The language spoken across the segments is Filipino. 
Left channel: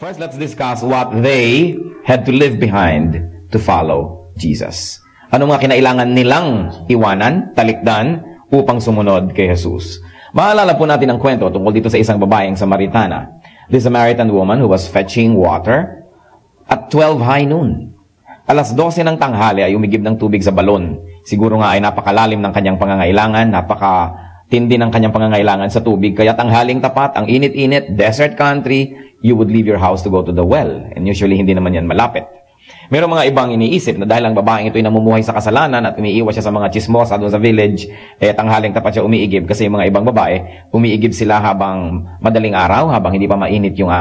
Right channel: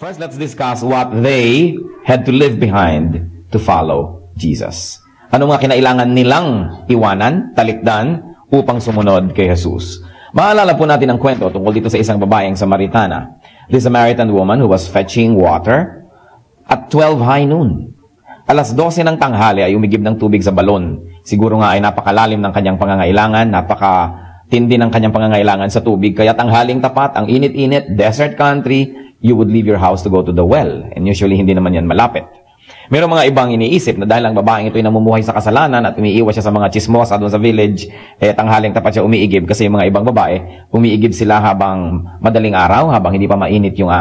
First, let's discuss what they had to leave behind to follow Jesus. Ano mga kinailangan nilang iwanan, talikdan, upang sumunod kay Jesus? Maalala po natin ang kwento tungkol dito sa isang babaeng Samaritana. The Samaritan woman who was fetching water at 12 high noon. Alas 12 ng tanghali ay umigib ng tubig sa balon. Siguro nga ay napakalalim ng kanyang pangangailangan, napakatindi ng kanyang pangangailangan sa tubig. Kaya tanghaling tapat, ang init-init, desert country, you would leave your house to go to the well. And usually, hindi naman yan malapit. Meron mga ibang iniisip na dahil ang babaeng ito ay namumuhay sa kasalanan at umiiwas siya sa mga chismosa doon sa village, tanghaling tapat siya umiigib kasi yung mga ibang babae, umiigib sila habang madaling araw, habang hindi pa mainit yung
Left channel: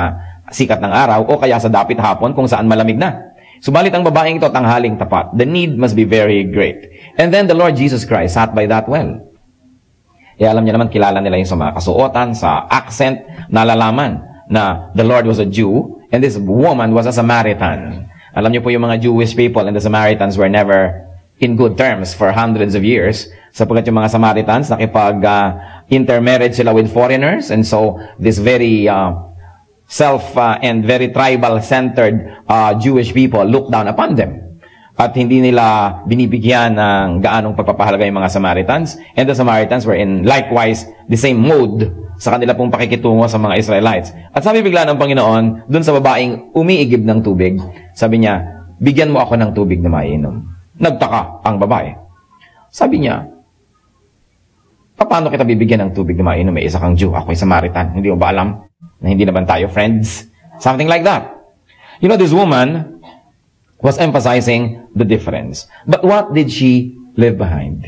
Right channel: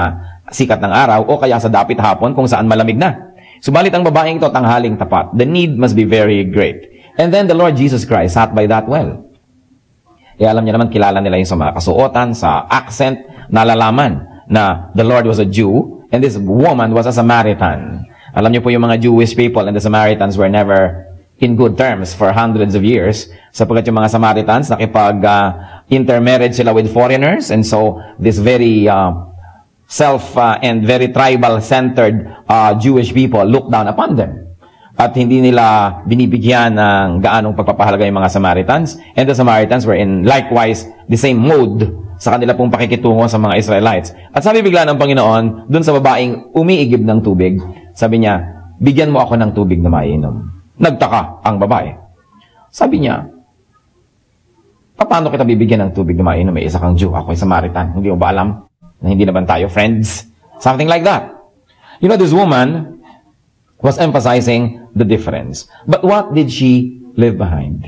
sikat ng araw, o kaya sa dapit hapon kung saan malamig na. Subalit ang babaeng ito, tanghaling tapat. The need must be very great. And then the Lord Jesus Christ sat by that well. Alam niya naman, kilala nila yung sa mga kasuotan, sa accent, nalalaman na the Lord was a Jew and this woman was a Samaritan. Alam niyo po yung mga Jewish people and the Samaritans were never in good terms for hundreds of years sapagkat yung mga Samaritans nakipag-intermarriage sila with foreigners, and so this very and very tribal-centered Jewish people looked down upon them. At hindi nila binibigyan ng gaanong pagpapahalaga yung mga Samaritans, and the Samaritans were in likewise the same mood sa kanila pong pakikitungo sa mga Israelites. At sabi bigla ng Panginoon, dun sa babaeng umiigib ng tubig, sabi niya, bigyan mo ako ng tubig na mainom. Nagtaka ang babae. Sabi niya, paano kita bibigyan ng tubig na mainom? May isa kang Jew, ako'y Samaritan. Hindi mo ba alam na hindi naman tayo friends? Something like that. You know, this woman was emphasizing the difference. But what did she leave behind?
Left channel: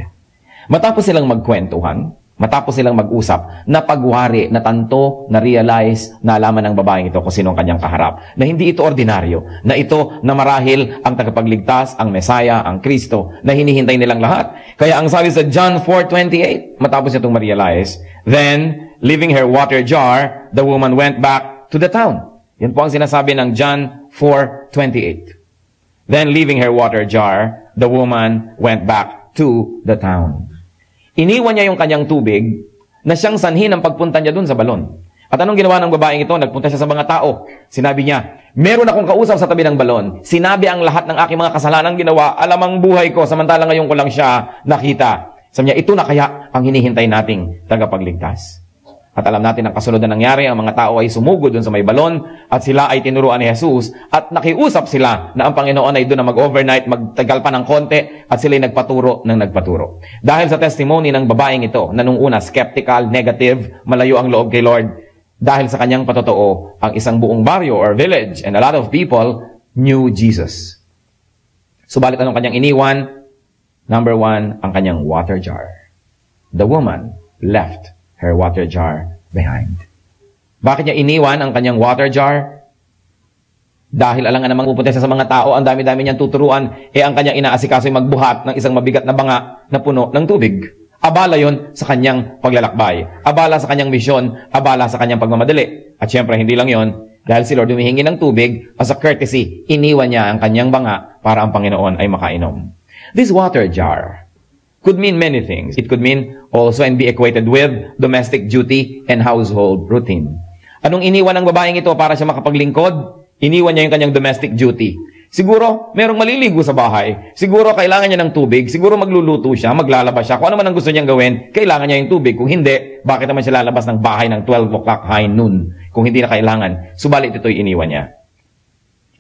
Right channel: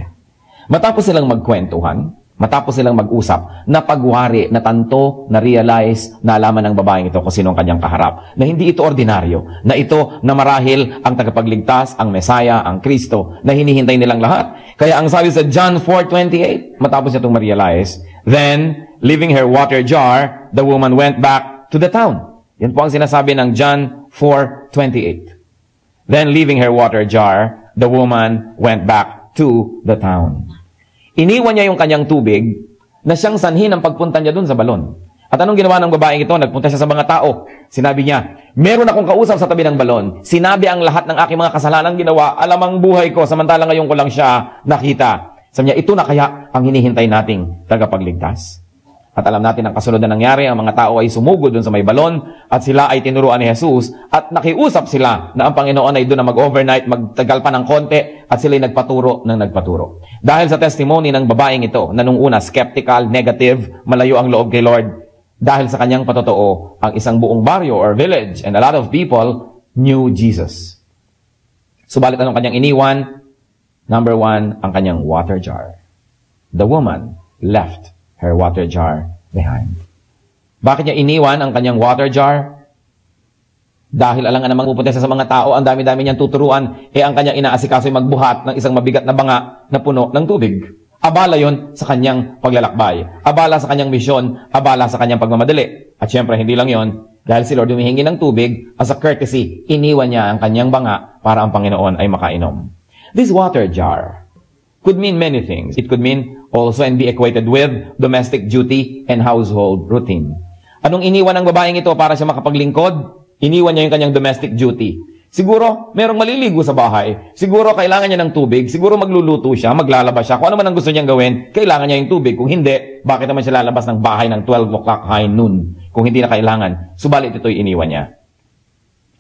Matapos silang magkwentuhan, matapos silang mag-usap, napagwari, natanto, na-realize, naalaman ng babaeng ito kung sino ang kanyang kaharap. Na hindi ito ordinaryo. Na ito na marahil ang tagapagligtas, ang Mesaya, ang Kristo, na hinihintay nilang lahat. Kaya ang sabi sa John 4:28, matapos itong ma-realize, then, leaving her water jar, the woman went back to the town. Yan po ang sinasabi ng John 4:28. Then, leaving her water jar, the woman went back to the town. Iniwan niya yung kanyang tubig na siyang sanhi ng pagpunta niya dun sa balon. At anong ginawa ng babaeng ito? Nagpunta siya sa mga tao. Sinabi niya, meron akong kausap sa tabi ng balon. Sinabi ang lahat ng aking mga kasalanan ginawa. Alam ang buhay ko, samantalang ngayon ko lang siya nakita. Sabi niya, ito na kaya ang hinihintay nating tagapagligtas. At alam natin ang kasunod na nangyari, ang mga tao ay sumugod dun sa may balon at sila ay tinuruan ni Jesus at nakiusap sila na ang Panginoon ay doon na mag-overnight, magtagal pa ng konti at sila ay nagpaturo ng nagpaturo. Dahil sa testimony ng babaeng ito na nung una skeptical, negative, malayo ang loob kay Lord, dahil sa kanyang patotoo, ang isang buong baryo or village and a lot of people knew Jesus. Subalit anong kanyang iniwan? Number 1, ang kanyang water jar. The woman left her water jar behind. Bakit niya iniwan ang kanyang water jar? Dahil alam nga namang pupunta sa mga tao, ang dami-dami niyang tuturuan, ang kanyang inaasikaso ay magbuhat ng isang mabigat na banga na puno ng tubig. Abala yon sa kanyang paglalakbay. Abala sa kanyang misyon. Abala sa kanyang pagmamadali. At syempre, hindi lang yon. Dahil si Lord humihingi ng tubig, as a courtesy, iniwan niya ang kanyang banga para ang Panginoon ay makainom. This water jar could mean many things. It could mean also and be equated with domestic duty and household routine. Anong iniwan ng babaeng ito para siya makapaglingkod? Iniwan niya yung kanyang domestic duty. Siguro, merong maliligo sa bahay. Siguro, kailangan niya ng tubig. Siguro, magluluto siya, maglalabas siya. Kung ano man ang gusto niyang gawin, kailangan niya yung tubig. Kung hindi, bakit naman siya lalabas ng bahay ng 12 o'clock high noon? Kung hindi na kailangan. Subalit ito yung iniwan niya.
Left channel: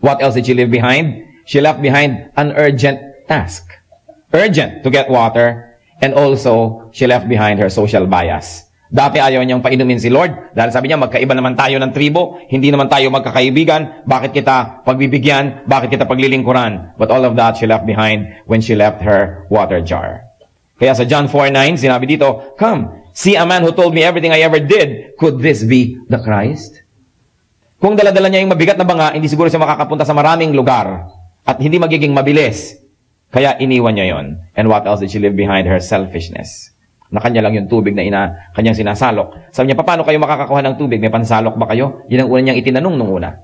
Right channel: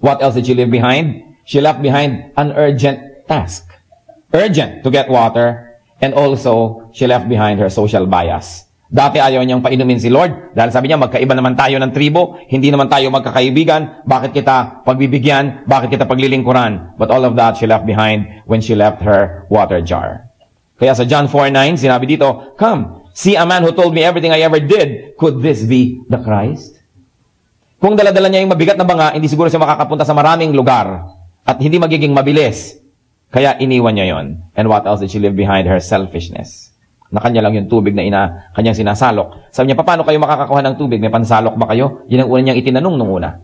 What else did she leave behind? She left behind an urgent task. Urgent to get water. And also, she left behind her social bias. Dati ayaw niyang painumin si Lord dahil sabi niya, magkaiba naman tayo ng tribo, hindi naman tayo magkakaibigan, bakit kita pagbibigyan, bakit kita paglilingkuran? But all of that she left behind when she left her water jar. Kaya sa John 4:9, sinabi dito, come, see a man who told me everything I ever did. Could this be the Christ? Kung dala-dala niya yung mabigat na banga, hindi siguro siya makakapunta sa maraming lugar at hindi magiging mabilis. Kaya iniwan niya yon. And what else did she leave behind? Her selfishness. Na kanya lang yung tubig na kanyang sinasalok. Sabi niya, paano kayo makakakuha ng tubig? May pansalok ba kayo? Yun ang una niyang itinanong nung una.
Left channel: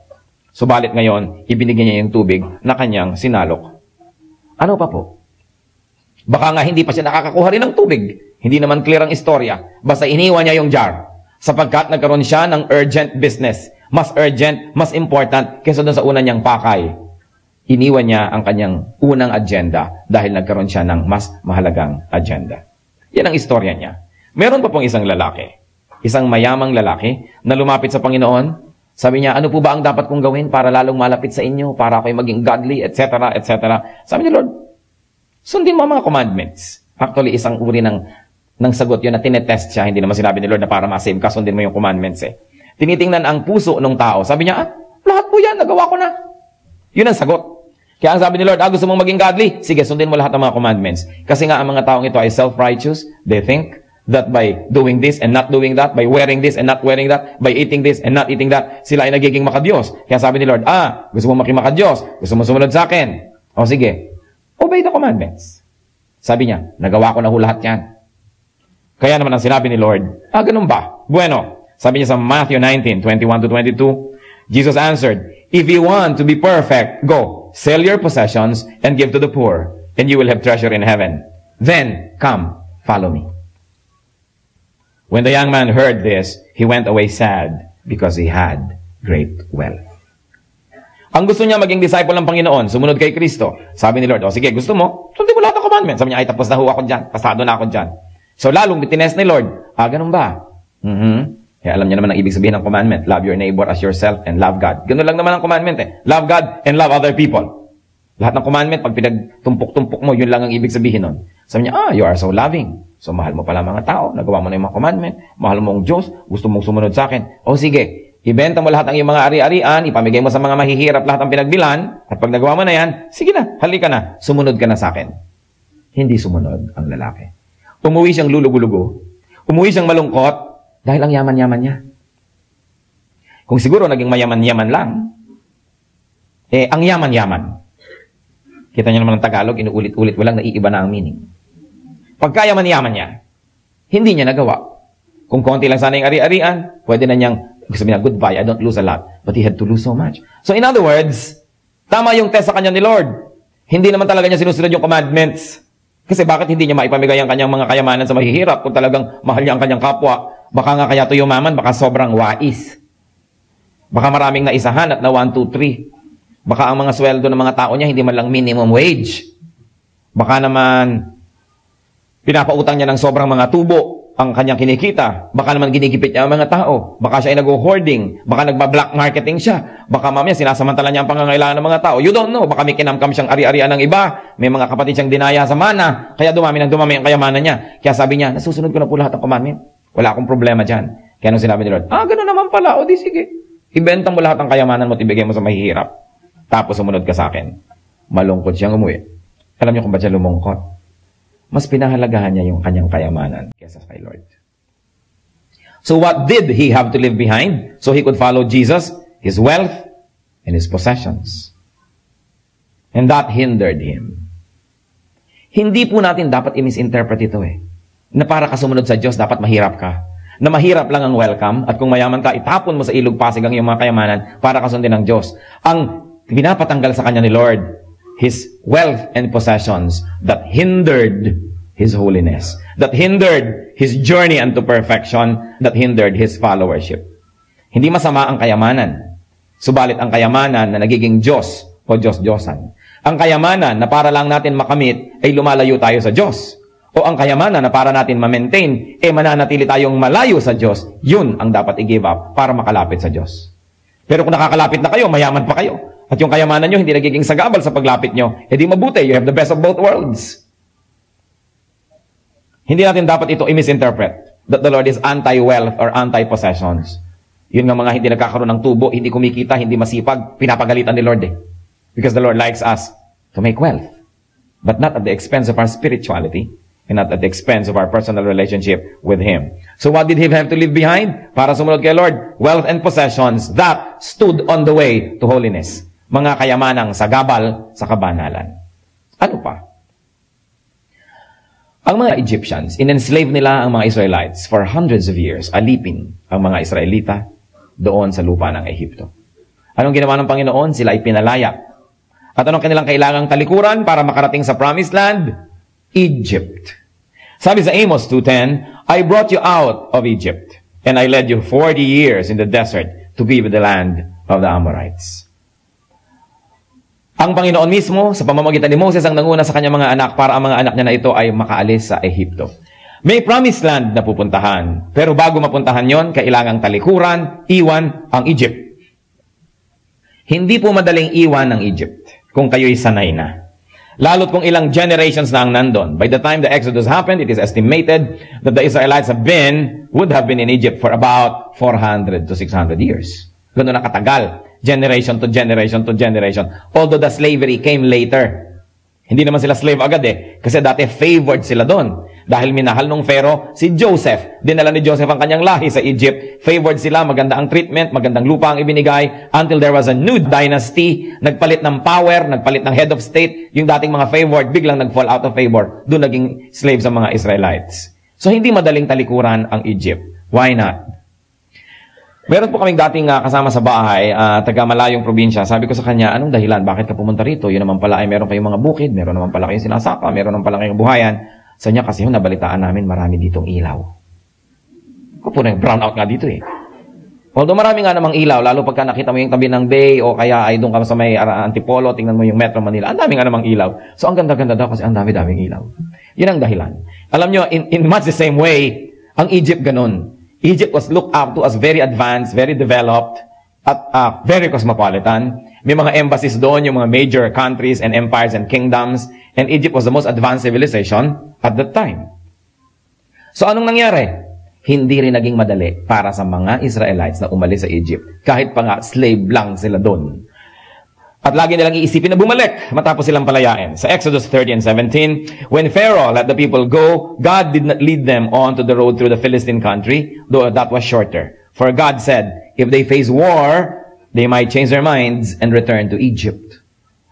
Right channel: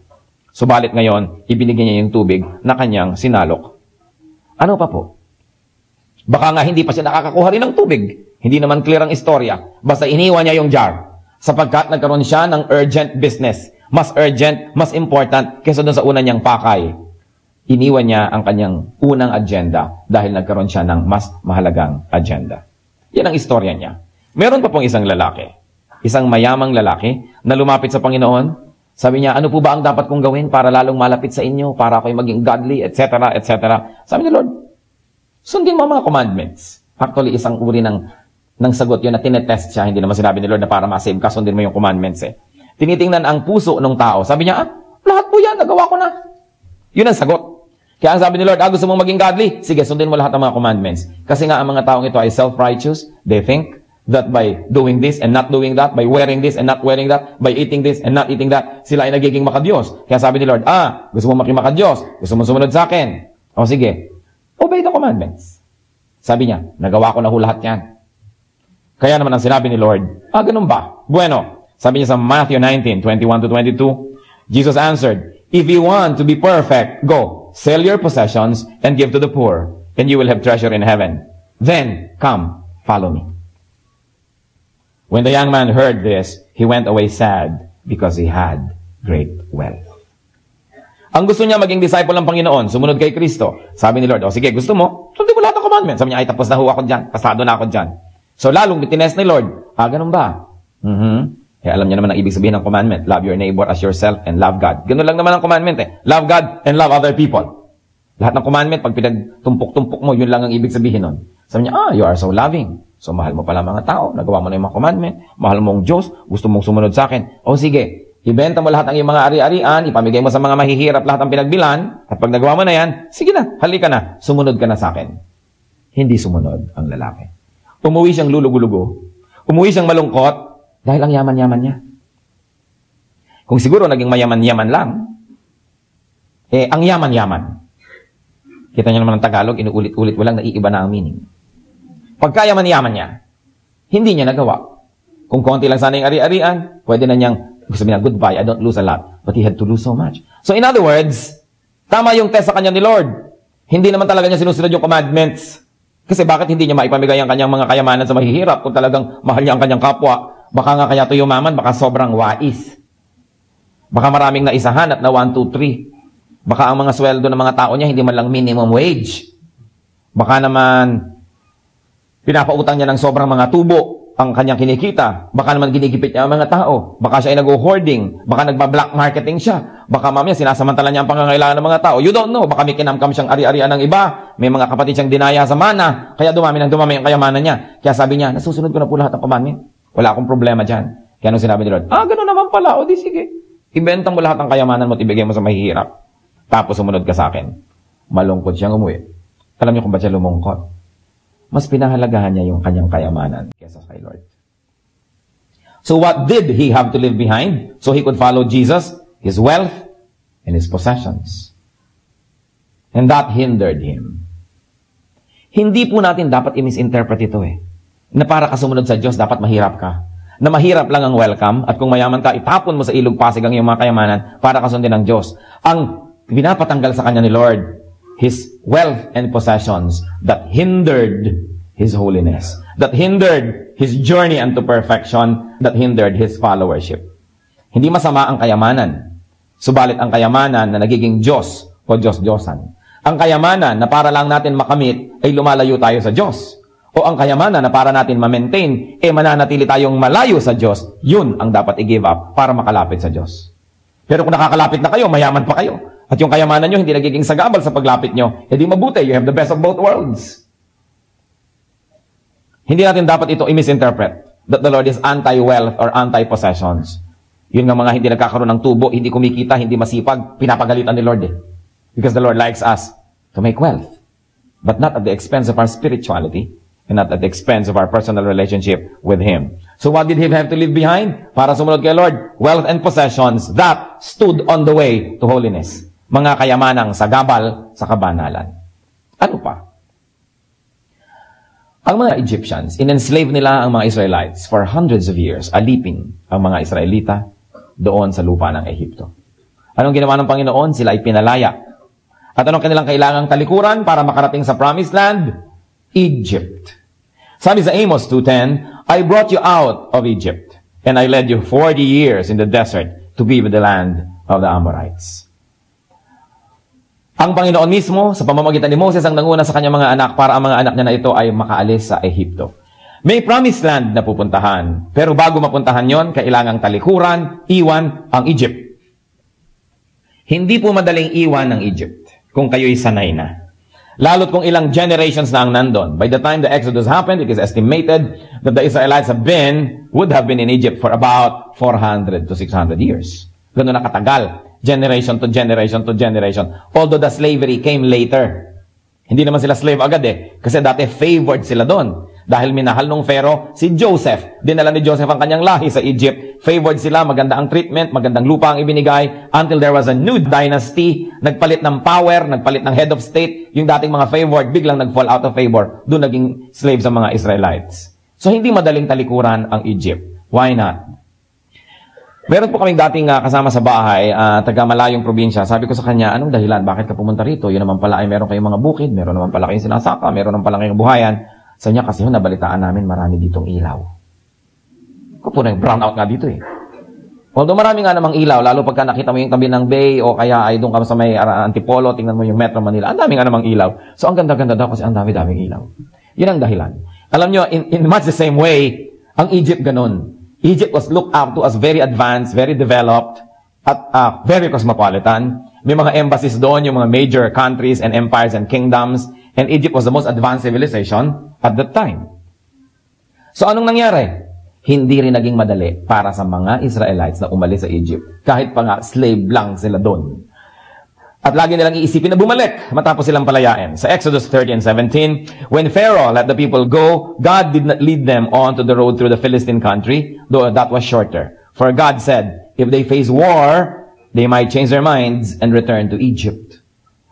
Subalit ngayon, ibinigay niya yung tubig na kanyang sinalok. Ano pa po? Baka nga hindi pa siya nakakakuha rin ng tubig. Hindi naman clear ang istorya. Basta iniwan niya yung jar. Sapagkat nagkaroon siya ng urgent business. Mas urgent, mas important kaysa doon sa una niyang pakay. Iniwan niya ang kanyang unang agenda dahil nagkaroon siya ng mas mahalagang agenda. Yan ang istorya niya. Meron pa pong isang lalaki, isang mayamang lalaki na lumapit sa Panginoon. Sabi niya, ano po ba ang dapat kong gawin para lalong malapit sa inyo, para ako'y maging godly, etc., etc. Sabi niya, Lord, sundin mo ang mga commandments. Actually, isang uri ng sagot yun na tinetest siya. Hindi naman sinabi ni Lord na para masim ka, sundin mo yung commandments eh. Tinitingnan ang puso ng tao. Sabi niya, lahat po yan, nagawa ko na. Yun ang sagot. Kaya ang sabi ni Lord, gusto mong maging godly? Sige, sundin mo lahat ng mga commandments. Kasi nga ang mga taong ito ay self-righteous. They think that by doing this and not doing that, by wearing this and not wearing that, by eating this and not eating that, sila ay nagiging makadiyos. Kaya sabi ni Lord, gusto mong maging makadiyos? Gusto mong sumunod sa akin? O sige, obey the commandments. Sabi niya, nagawa ko na lahat yan. Kaya naman ang sinabi ni Lord, ganun ba? Bueno, sabi niya sa Matthew 19:21-22, Jesus answered, if you want to be perfect, go, sell your possessions and give to the poor, and you will have treasure in heaven. Then, come, follow me. When the young man heard this, he went away sad because he had great wealth. Ang gusto niya maging disciple ng Panginoon, sumunod kay Kristo. Sabi ni Lord, sige, gusto mo? Sundin mo lahat ng commandments. Sabi niya, ay tapos na ako dyan. Pasado na ako dyan. So, lalong tinest ni Lord, ganun ba? Alam niyo naman ang ibig sabihin ng commandment. Love your neighbor as yourself and love God. Ganun lang naman ang commandment eh. Love God and love other people. Lahat ng commandment, pag pinagtumpok-tumpok mo, yun lang ang ibig sabihin nun. Sabi niya, you are so loving. So, mahal mo pala mga tao. Nagawa mo na yung mga commandment. Mahal mo ang Diyos. Gusto mong sumunod sa akin. O sige, ibenta mo lahat ng iyong mga ari-arian. Ipamigay mo sa mga mahihirap lahat ang pinagbilan. At pag nagawa mo na yan, sige na, halika na. Sumunod ka na sa akin. Hindi sumunod ang lalaki. Umuwi siyang lulugo-lugo. Umuwi siyang malungkot. Dahil ang yaman-yaman niya. Kung siguro naging mayaman-yaman lang, ang yaman-yaman. Kita niyo naman ang Tagalog, inuulit-ulit mo lang, naiiba na ang meaning. Pagka yaman-yaman niya, hindi niya nagawa. Kung konti lang sana yung ari-arian, pwede na niyang, sabi na, goodbye, I don't lose a lot. But he had to lose so much. So in other words, tama yung test sa kanya ni Lord. Hindi naman talaga niya sinusunod yung commandments. Kasi bakit hindi niya maipamigay ang kanyang mga kayamanan sa mahihirap kung talagang mahal niya ang kanyang kapwa? Baka nga kaya ito yumaman, baka sobrang wais. Baka maraming naisahan at na 1, 2, 3. Baka ang mga sweldo ng mga tao niya hindi man lang minimum wage. Baka naman pinapautang niya ng sobrang mga tubo ang kanyang kinikita. Baka naman ginigipit niya ang mga tao. Baka siya ay nag-hoarding. Baka nagba-black marketing siya. Baka mamaya sinasamantala niya ang pangangailangan ng mga tao. You don't know. Baka may kinamkam siyang ari-arian ng iba. May mga kapatid siyang dinaya sa mana. Kaya dumami ang kayamanan niya. Kaya sabi niya, nasusunod ko na po lahat ng commandment. Wala akong problema dyan. Kaya nung sinabi ni Lord, gano'n naman pala. O di sige. Ibenta mo lahat ng kayamanan mo at ibigay mo sa mahihirap. Tapos sumunod ka sa akin. Malungkot siyang umuwi. Alam niyo kung ba't siya lumungkot? Mas pinahalagahan niya yung kanyang kayamanan kaysa kay Lord. So what did he have to leave behind so he could follow Jesus? His wealth and his possessions. And that hindered him. Hindi po natin dapat i-misinterpret ito eh. Na para ka sumunod sa Diyos, dapat mahirap ka. Na mahirap lang ang welcome, at kung mayaman ka, itapon mo sa ilog pasig ang iyong mga kayamanan para kasundin ng Diyos. Ang pinapatanggal sa kanya ni Lord, his wealth and possessions that hindered his holiness, that hindered his journey unto perfection, that hindered his followership. Hindi masama ang kayamanan. Subalit ang kayamanan na nagiging Diyos o Diyos-Diyosan. Ang kayamanan na para lang natin makamit ay lumalayo tayo sa Diyos. O ang kayamanan na para natin ma-maintain, mananatili tayong malayo sa Diyos, yun ang dapat i-give up para makalapit sa Diyos. Pero kung nakakalapit na kayo, mayaman pa kayo, at yung kayamanan nyo hindi nagiging sagabal sa paglapit nyo, hindi mabuti, you have the best of both worlds. Hindi natin dapat ito i-misinterpret that the Lord is anti-wealth or anti-possessions. Yun nga mga hindi nagkakaroon ng tubo, hindi kumikita, hindi masipag, pinapagalitan ni Lord eh. Because the Lord likes us to make wealth, but not at the expense of our spirituality, and not at the expense of our personal relationship with Him. So what did He have to leave behind? Para sumunod kay Lord, wealth and possessions that stood on the way to holiness. Mga kayamanang sagabal sa kabanalan. Ano pa? Ang mga Egyptians, in-enslave nila ang mga Israelites for hundreds of years, alipin ang mga Israelita doon sa lupa ng Ehipto. Anong ginawa ng Panginoon? Sila ay pinalaya. At anong kanilang kailangang talikuran para makarating sa promised land? Egypt. Sabi sa Amos 2:10, I brought you out of Egypt, and I led you 40 years in the desert to be with the land of the Amorites. Ang Panginoon mismo, sa pamamagitan ni Moses, ang nanguna sa kanyang mga anak para ang mga anak niya na ito ay makaalis sa Ehipto. May promised land na pupuntahan. Pero bago mapuntahan yon, kailangang talikuran, iwan ang Egypt. Hindi po madaling iwan ang Egypt kung kayo'y sanay na. Lalo't kung ilang generations na ang nandun. By the time the Exodus happened, it is estimated that the Israelites would have been in Egypt for about 400 to 600 years. Gano'n na katagal. Generation to generation to generation. Although the slavery came later. Hindi naman sila slave agad Kasi dati favored sila doon. Dahil minahal nung Pharaoh si Joseph. Dinala ni Joseph ang kanyang lahi sa Egypt. Favored sila, maganda ang treatment, magandang lupa ang ibinigay. Until there was a new dynasty. Nagpalit ng power, nagpalit ng head of state. Yung dating mga favored, biglang nag-fall out of favor. Doon naging slave sa mga Israelites. So hindi madaling talikuran ang Egypt. Why not? Meron po kaming dating kasama sa bahay, taga malayong probinsya. Sabi ko sa kanya, anong dahilan? Bakit ka pumunta rito? Yun naman pala ay meron kayong mga bukid, meron naman pala kayong sinasaka, meron naman pala kayong buhayan. Sa niya kasi nabalitaan namin marami ditong ilaw. Puno yung brown out nga dito Although marami nga namang ilaw, lalo pagka nakita mo yung tabi ng bay o kaya ay doon ka sa may Antipolo, tingnan mo yung Metro Manila, ang dami nga namang ilaw. So ang ganda-ganda daw kasi ang dami-daming ilaw. Yan ang dahilan. Alam nyo, in much the same way, ang Egypt ganun. Egypt was looked up to as very advanced, very developed, at very cosmopolitan. May mga embassies doon, yung mga major countries and empires and kingdoms. And Egypt was the most advanced civilization at that time. So anong nangyari? Hindi rin naging madali para sa mga Israelites na umalis sa Egypt. Kahit pa nga slave lang sila doon. At lagi nilang iisipin na bumalik matapos silang palayain. Sa Exodus 30 and 17, when Pharaoh let the people go, God did not lead them on to the road through the Philistine country, though that was shorter. For God said, if they face war, they might change their minds and return to Egypt.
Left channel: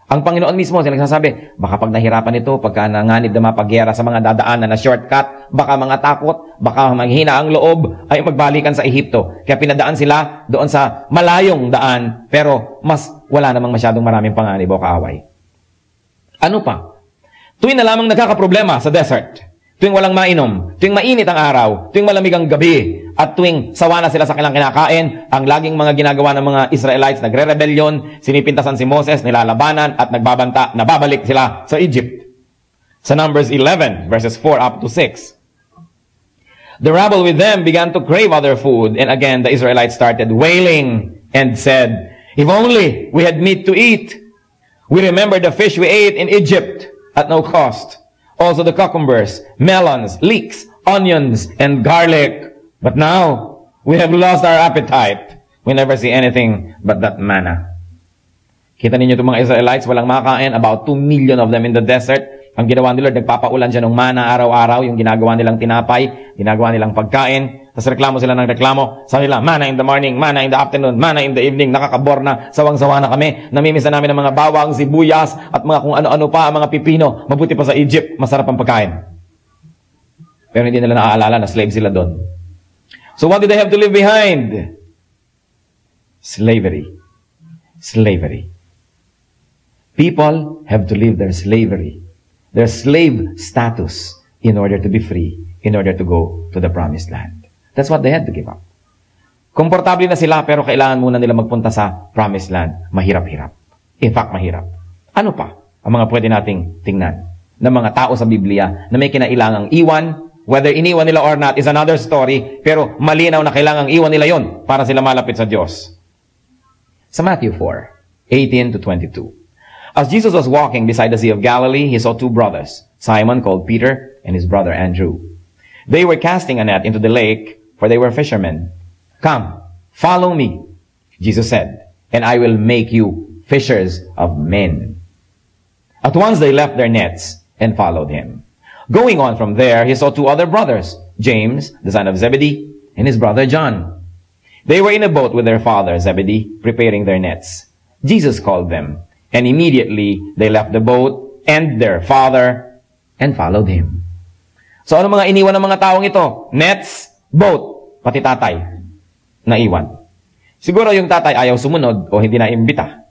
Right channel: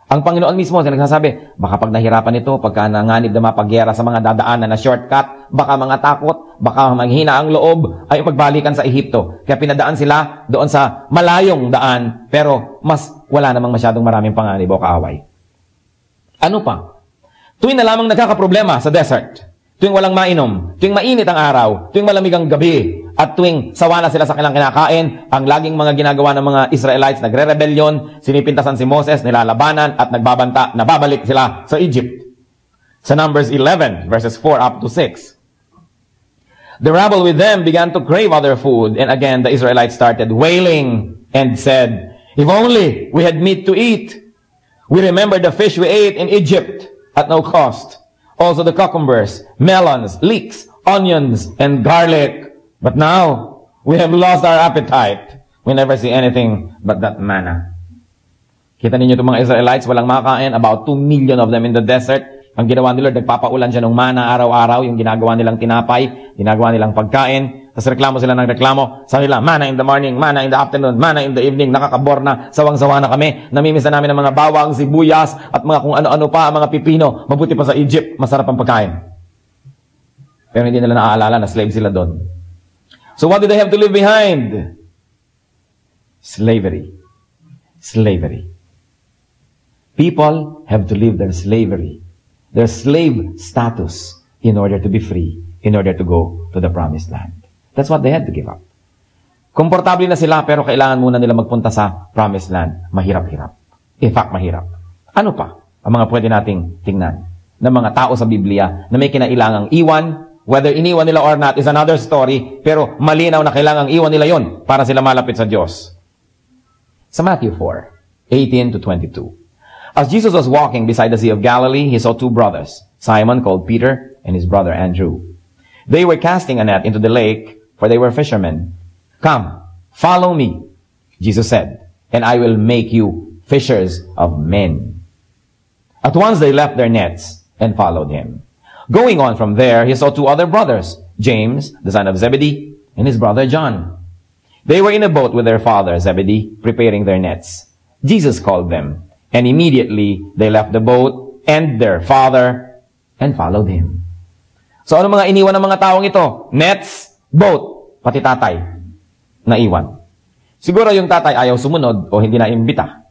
Ang Panginoon mismo, sila nagsasabi, baka pag nahirapan ito, pagka nanganib na mapagyera sa mga dadaanan na shortcut, baka mga takot, baka manghina ang loob, ay magbalikan sa Ehipto. Kaya pinadaan sila doon sa malayong daan, pero mas wala namang masyadong maraming panganib o kaaway. Ano pa? Tuwing na lamang nagkakaproblema sa desert, tuwing walang mainom, tuwing mainit ang araw, tuwing malamig ang gabi, at tuwing sawa na sila sa kanilang kinakain, ang laging mga ginagawa ng mga Israelites, nagre-rebellion, sinipintasan si Moses, nilalabanan, at nagbabanta, nababalik sila sa Egypt. Sa Numbers 11, verses 4 up to 6. The rebel with them began to crave other food, and again the Israelites started wailing and said, if only we had meat to eat. We remember the fish we ate in Egypt at no cost. Also the cucumbers, melons, leeks, onions, and garlic. But now, we have lost our appetite. We never see anything but that manna. Kita ninyo itong mga Israelites, walang makain, about 2 million of them in the desert. Ang ginawa nila, nagpapaulan siya ng mana araw-araw, yung ginagawa nilang tinapay, ginagawa nilang pagkain. Tapos reklamo sila ng reklamo. Sabi nila, mana in the morning, mana in the afternoon, mana in the evening. Nakakabor na, sawang-sawa na kami. Namimisa namin ng mga bawang, sibuyas, at mga kung ano-ano pa, mga pipino. Mabuti pa sa Egypt, masarap ang pagkain. Pero hindi nila naaalala na slave sila doon. So what did they have to leave behind? Slavery. Slavery. People have to leave their slavery, their slave status, in order to be free, in order to go to the promised land. That's what they had to give up. Komportable na sila, pero kailangan muna nila magpunta sa promised land. Mahirap-hirap. In fact, mahirap. Ano pa ang mga pwede nating tingnan ng mga tao sa Biblia na may kinailangang iwan? Whether iniwan nila or not is another story, pero malinaw na kailangang iwan nila yun para sila malapit sa Diyos. Sa Matthew 4, 18 to 22. As Jesus was walking beside the Sea of Galilee, he saw 2 brothers, Simon called Peter and his brother Andrew. They were casting a net into the lake, for they were fishermen. Come, follow me, Jesus said, and I will make you fishers of men. At once they left their nets and followed him. Going on from there, he saw 2 other brothers, James, the son of Zebedee, and his brother John. They were in a boat with their father, Zebedee, preparing their nets. Jesus called them, and immediately they left the boat and their father and followed him. So ano mga iniwan ng mga taong ito? Nets, boat, pati tatay. Naiwan. Siguro yung tatay ayaw sumunod o hindi na imbita.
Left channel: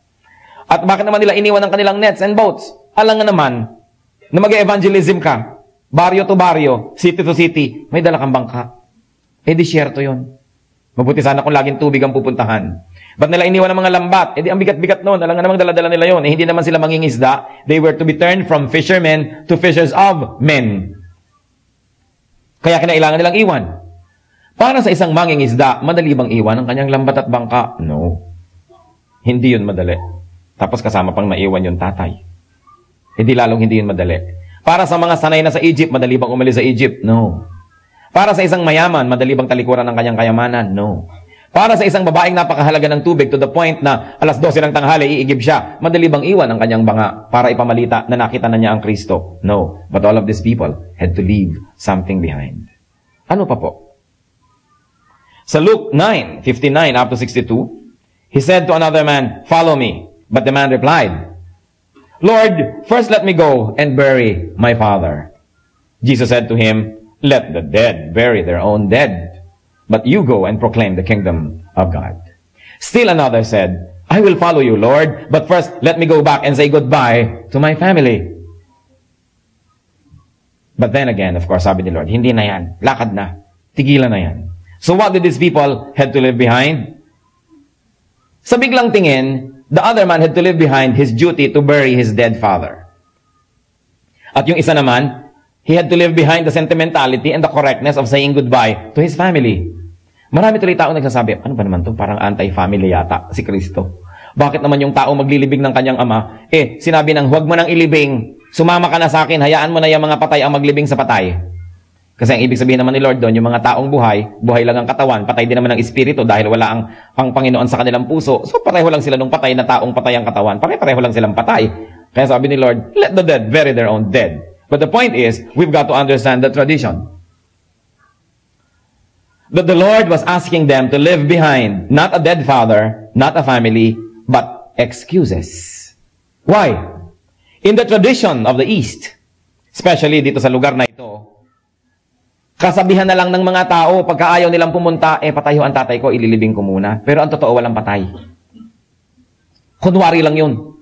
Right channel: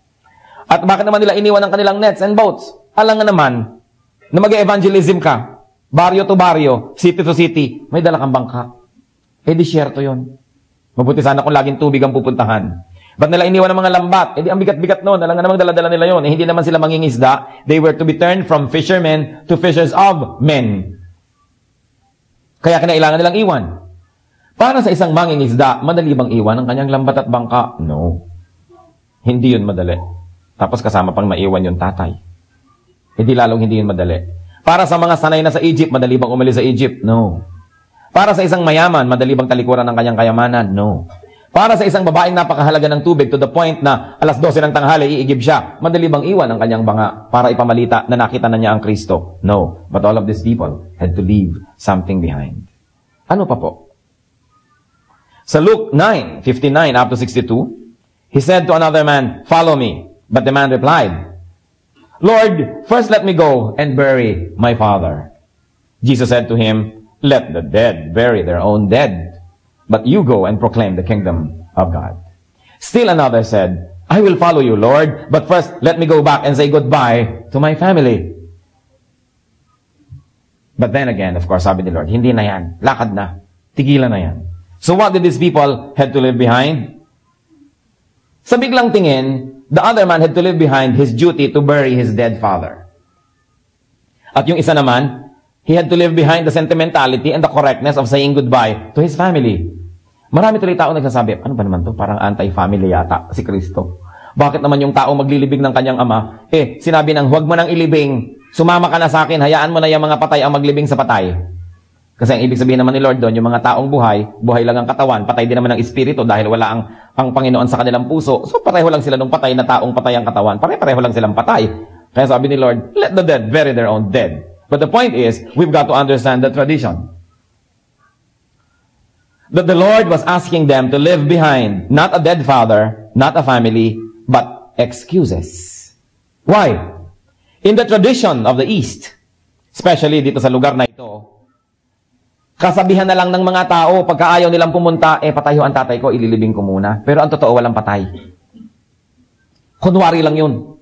At bakit naman nila iniwan ang kanilang nets and boats? Alam nga naman na mag-evangelism ka. Baryo to baryo, city to city, may dala kang bangka. Eh, disyerto yun. Mabuti sana kung laging tubig ang pupuntahan. Ba't nila iniwan ng mga lambat? Eh di ang bigat-bigat noon. Alam nga namang dala-dala nila yun. Eh, hindi naman sila mangingisda. They were to be turned from fishermen to fishers of men. Kaya kinailangan nilang iwan. Para sa isang mangingisda, madali bang iwan ang kanyang lambat at bangka? No. Hindi yun madali. Tapos kasama pang maiwan yung tatay. Hindi lalong hindi yun madali. Para sa mga sanay na sa Egypt, madali bang umalis sa Egypt? No. Para sa isang mayaman, madali bang talikuran ng kanyang kayamanan? No. Para sa isang babaeng napakahalaga ng tubig to the point na alas 12 ng tanghali, iigib siya, madali bang iwan ang kanyang banga para ipamalita na nakita na niya ang Kristo? No. But all of these people had to leave something behind. Ano pa po? Sa Luke 9:59 up to 62, he said to another man, "Follow me." But the man replied, "Lord, first let me go and bury my father." Jesus said to him, "Let the dead bury their own dead. But you go and proclaim the kingdom of God." Still another said, "I will follow you, Lord, but first let me go back and say goodbye to my family." But then again, of course, sabi ni Lord, hindi na yan. Lakad na. Tigilan na yan. So what did these people have to leave behind? Sa biglang tingin, the other man had to leave behind his duty to bury his dead father. At yung isa naman, he had to leave behind the sentimentality and the correctness of saying goodbye to his family. Marami tuloy tao nagsasabi, ano ba naman to? Parang anti-family yata si Kristo. Bakit naman yung tao maglilibing ng kanyang ama? Sinabi ng huwag mo nang ilibing, sumama ka na sa akin, hayaan mo na yung mga patay ang maglibing sa patay. Kasi ang ibig sabihin naman ni Lord doon, yung mga taong buhay, buhay lang ang katawan, patay din naman ang espiritu dahil wala ang Panginoon sa kanilang puso. So pareho lang sila nung patay na taong patay ang katawan. Pareho lang silang patay. Kaya sabi ni Lord, let the dead bury their own dead. But the point is, we've got to understand the tradition. That the Lord was asking them to leave behind not a dead father, not a family, but excuses. Why? In the tradition of the East, especially dito sa lugar na ito, kasabihan na lang ng mga tao, pagka ayaw nilang pumunta, patayo ang tatay ko, ililibing ko muna. Pero ang totoo, walang patay. Kunwari lang yun.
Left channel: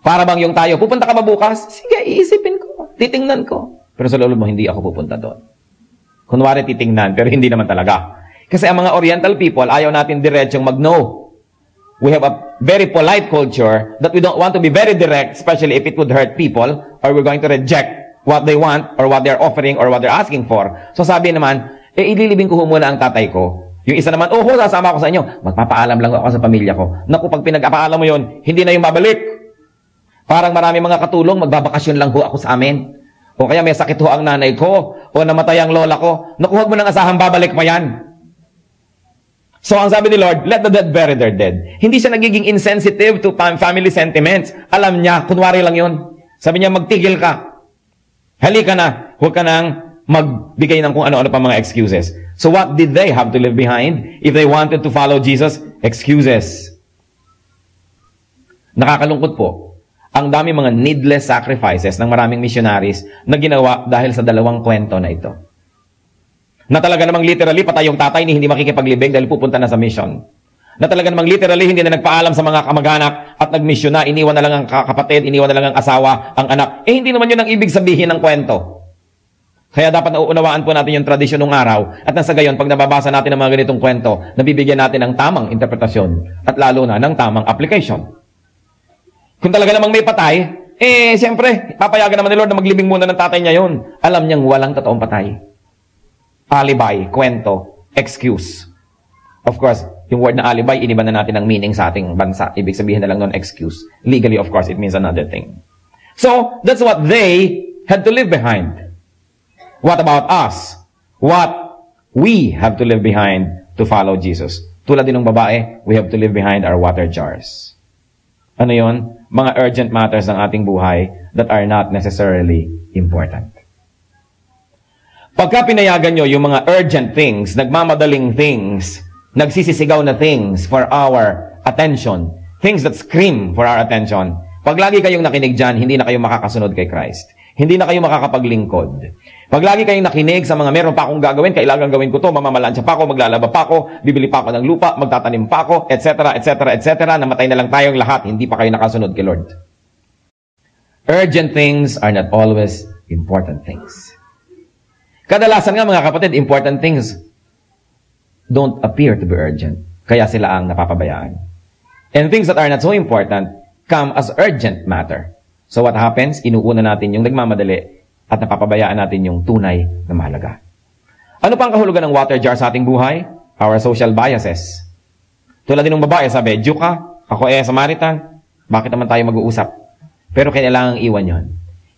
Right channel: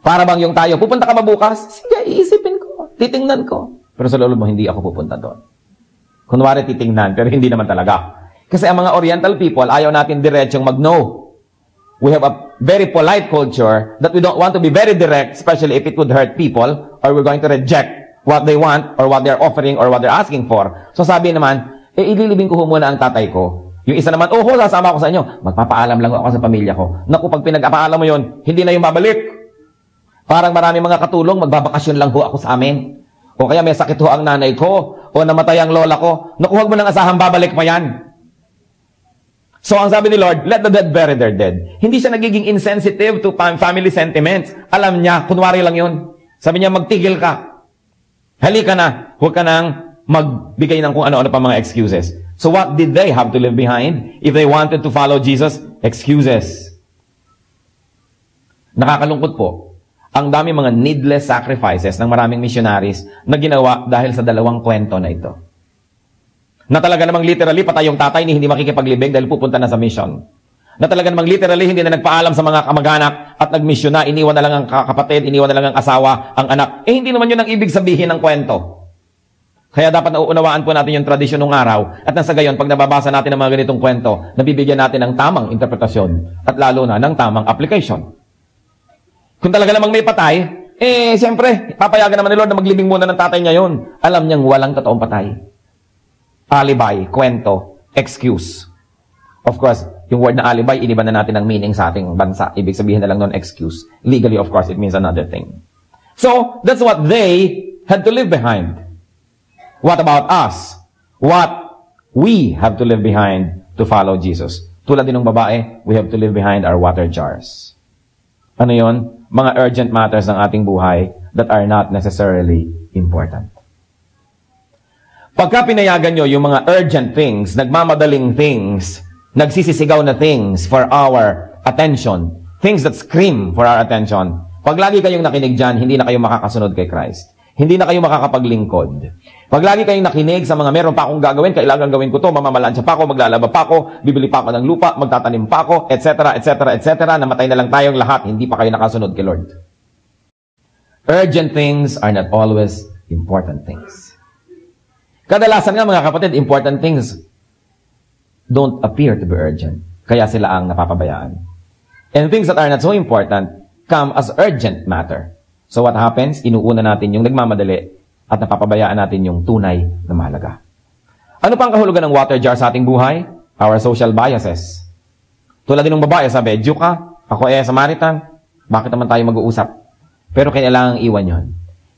Para bang yung tayo, pupunta ka ba bukas? Sige, iisipin ko, titingnan ko. Pero sa lolo mo, hindi ako pupunta doon. Kunwari titingnan, pero hindi naman talaga. Kasi ang mga Oriental people, ayaw natin diretsong mag-no. We have a very polite culture that we don't want to be very direct, especially if it would hurt people, or we're going to reject what they want, or what they're offering, or what they're asking for. So sabi naman, ililibing ko muna ang tatay ko. Yung isa naman, sasama ako sa inyo. Magpapaalam lang ako sa pamilya ko. Naku, pag pinag-apaalam mo yun, hindi na yung babalik. Parang marami mga katulong, magbabakasyon lang ho ako sa amin. O kaya may sakit ho ang nanay ko, o namatay ang lola ko. Naku, huwag mo nang asahan, babalik pa yan. So ang sabi ni Lord, let the dead bury their dead. Hindi siya nagiging insensitive to family sentiments. Alam niya, kunwari lang yun. Sabi niya, magtigil ka. Halika na. Huwag ka nang magbigay ng kung ano-ano pa mga excuses. So what did they have to leave behind? If they wanted to follow Jesus, excuses. Nakakalungkot po. Ang dami mga needless sacrifices ng maraming missionaries na ginawa dahil sa dalawang kwento na ito. Na talaga namang literally, patay yung tatay ni hindi makikipaglibing dahil pupunta na sa mission. Na talaga namang literally, hindi na nagpaalam sa mga kamag-anak at nag-mission na, iniwan na lang ang kapatid, iniwan na lang ang asawa, ang anak. Hindi naman yun ang ibig sabihin ng kwento. Kaya dapat nauunawaan po natin yung tradisyon ng araw. At nasa gayon, pag nababasa natin ng mga ganitong kwento, nabibigyan natin ng tamang interpretasyon at lalo na ng tamang application. Kung talaga namang may patay, siyempre, papayagan naman ni Lord na maglibing muna ng tatay niya yun. Alam niyang walang totoong patay. Alibi, kwento, excuse. Of course, yung word na alibi, iniba na natin ang meaning sa ating bansa. Ibig sabihin na lang nun, excuse. Legally, of course, it means another thing. So, that's what they had to leave behind. What about us? What we have to leave behind to follow Jesus? Tulad din ng babae, we have to leave behind our water jars. Ano yun? Mga urgent matters ng ating buhay that are not necessarily important. Pagka pinayagan nyo yung mga urgent things, nagmamadaling things, nagsisisigaw na things for our attention, things that scream for our attention, pag lagi kayong nakinig dyan, hindi na kayo makakasunod kay Christ. Hindi na kayo makakapaglingkod. Pag lagi kayong nakinig sa mga meron pa akong gagawin, kailangan gawin ko to, mamamalansya pa ako, maglalaba pa ako, bibili pa ako ng lupa, magtatanim pa ako, etc., etc., etc., namatay na lang tayong lahat, hindi pa kayo nakasunod kay Lord. Urgent things are not always important things. Kadalasan nga mga kapatid, important things, don't appear to be urgent. Kaya sila ang napapabayaan. And things that are not so important come as urgent matter. So what happens? Inuuna natin yung nagmamadali at napapabayaan natin yung tunay na mahalaga. Ano pang kahulugan ng water jar sa ating buhay? Our social biases. Tulad din ng babae, sabi, Jew ka, ako Samaritan, bakit naman tayo mag-uusap? Pero kailangang iwan yun.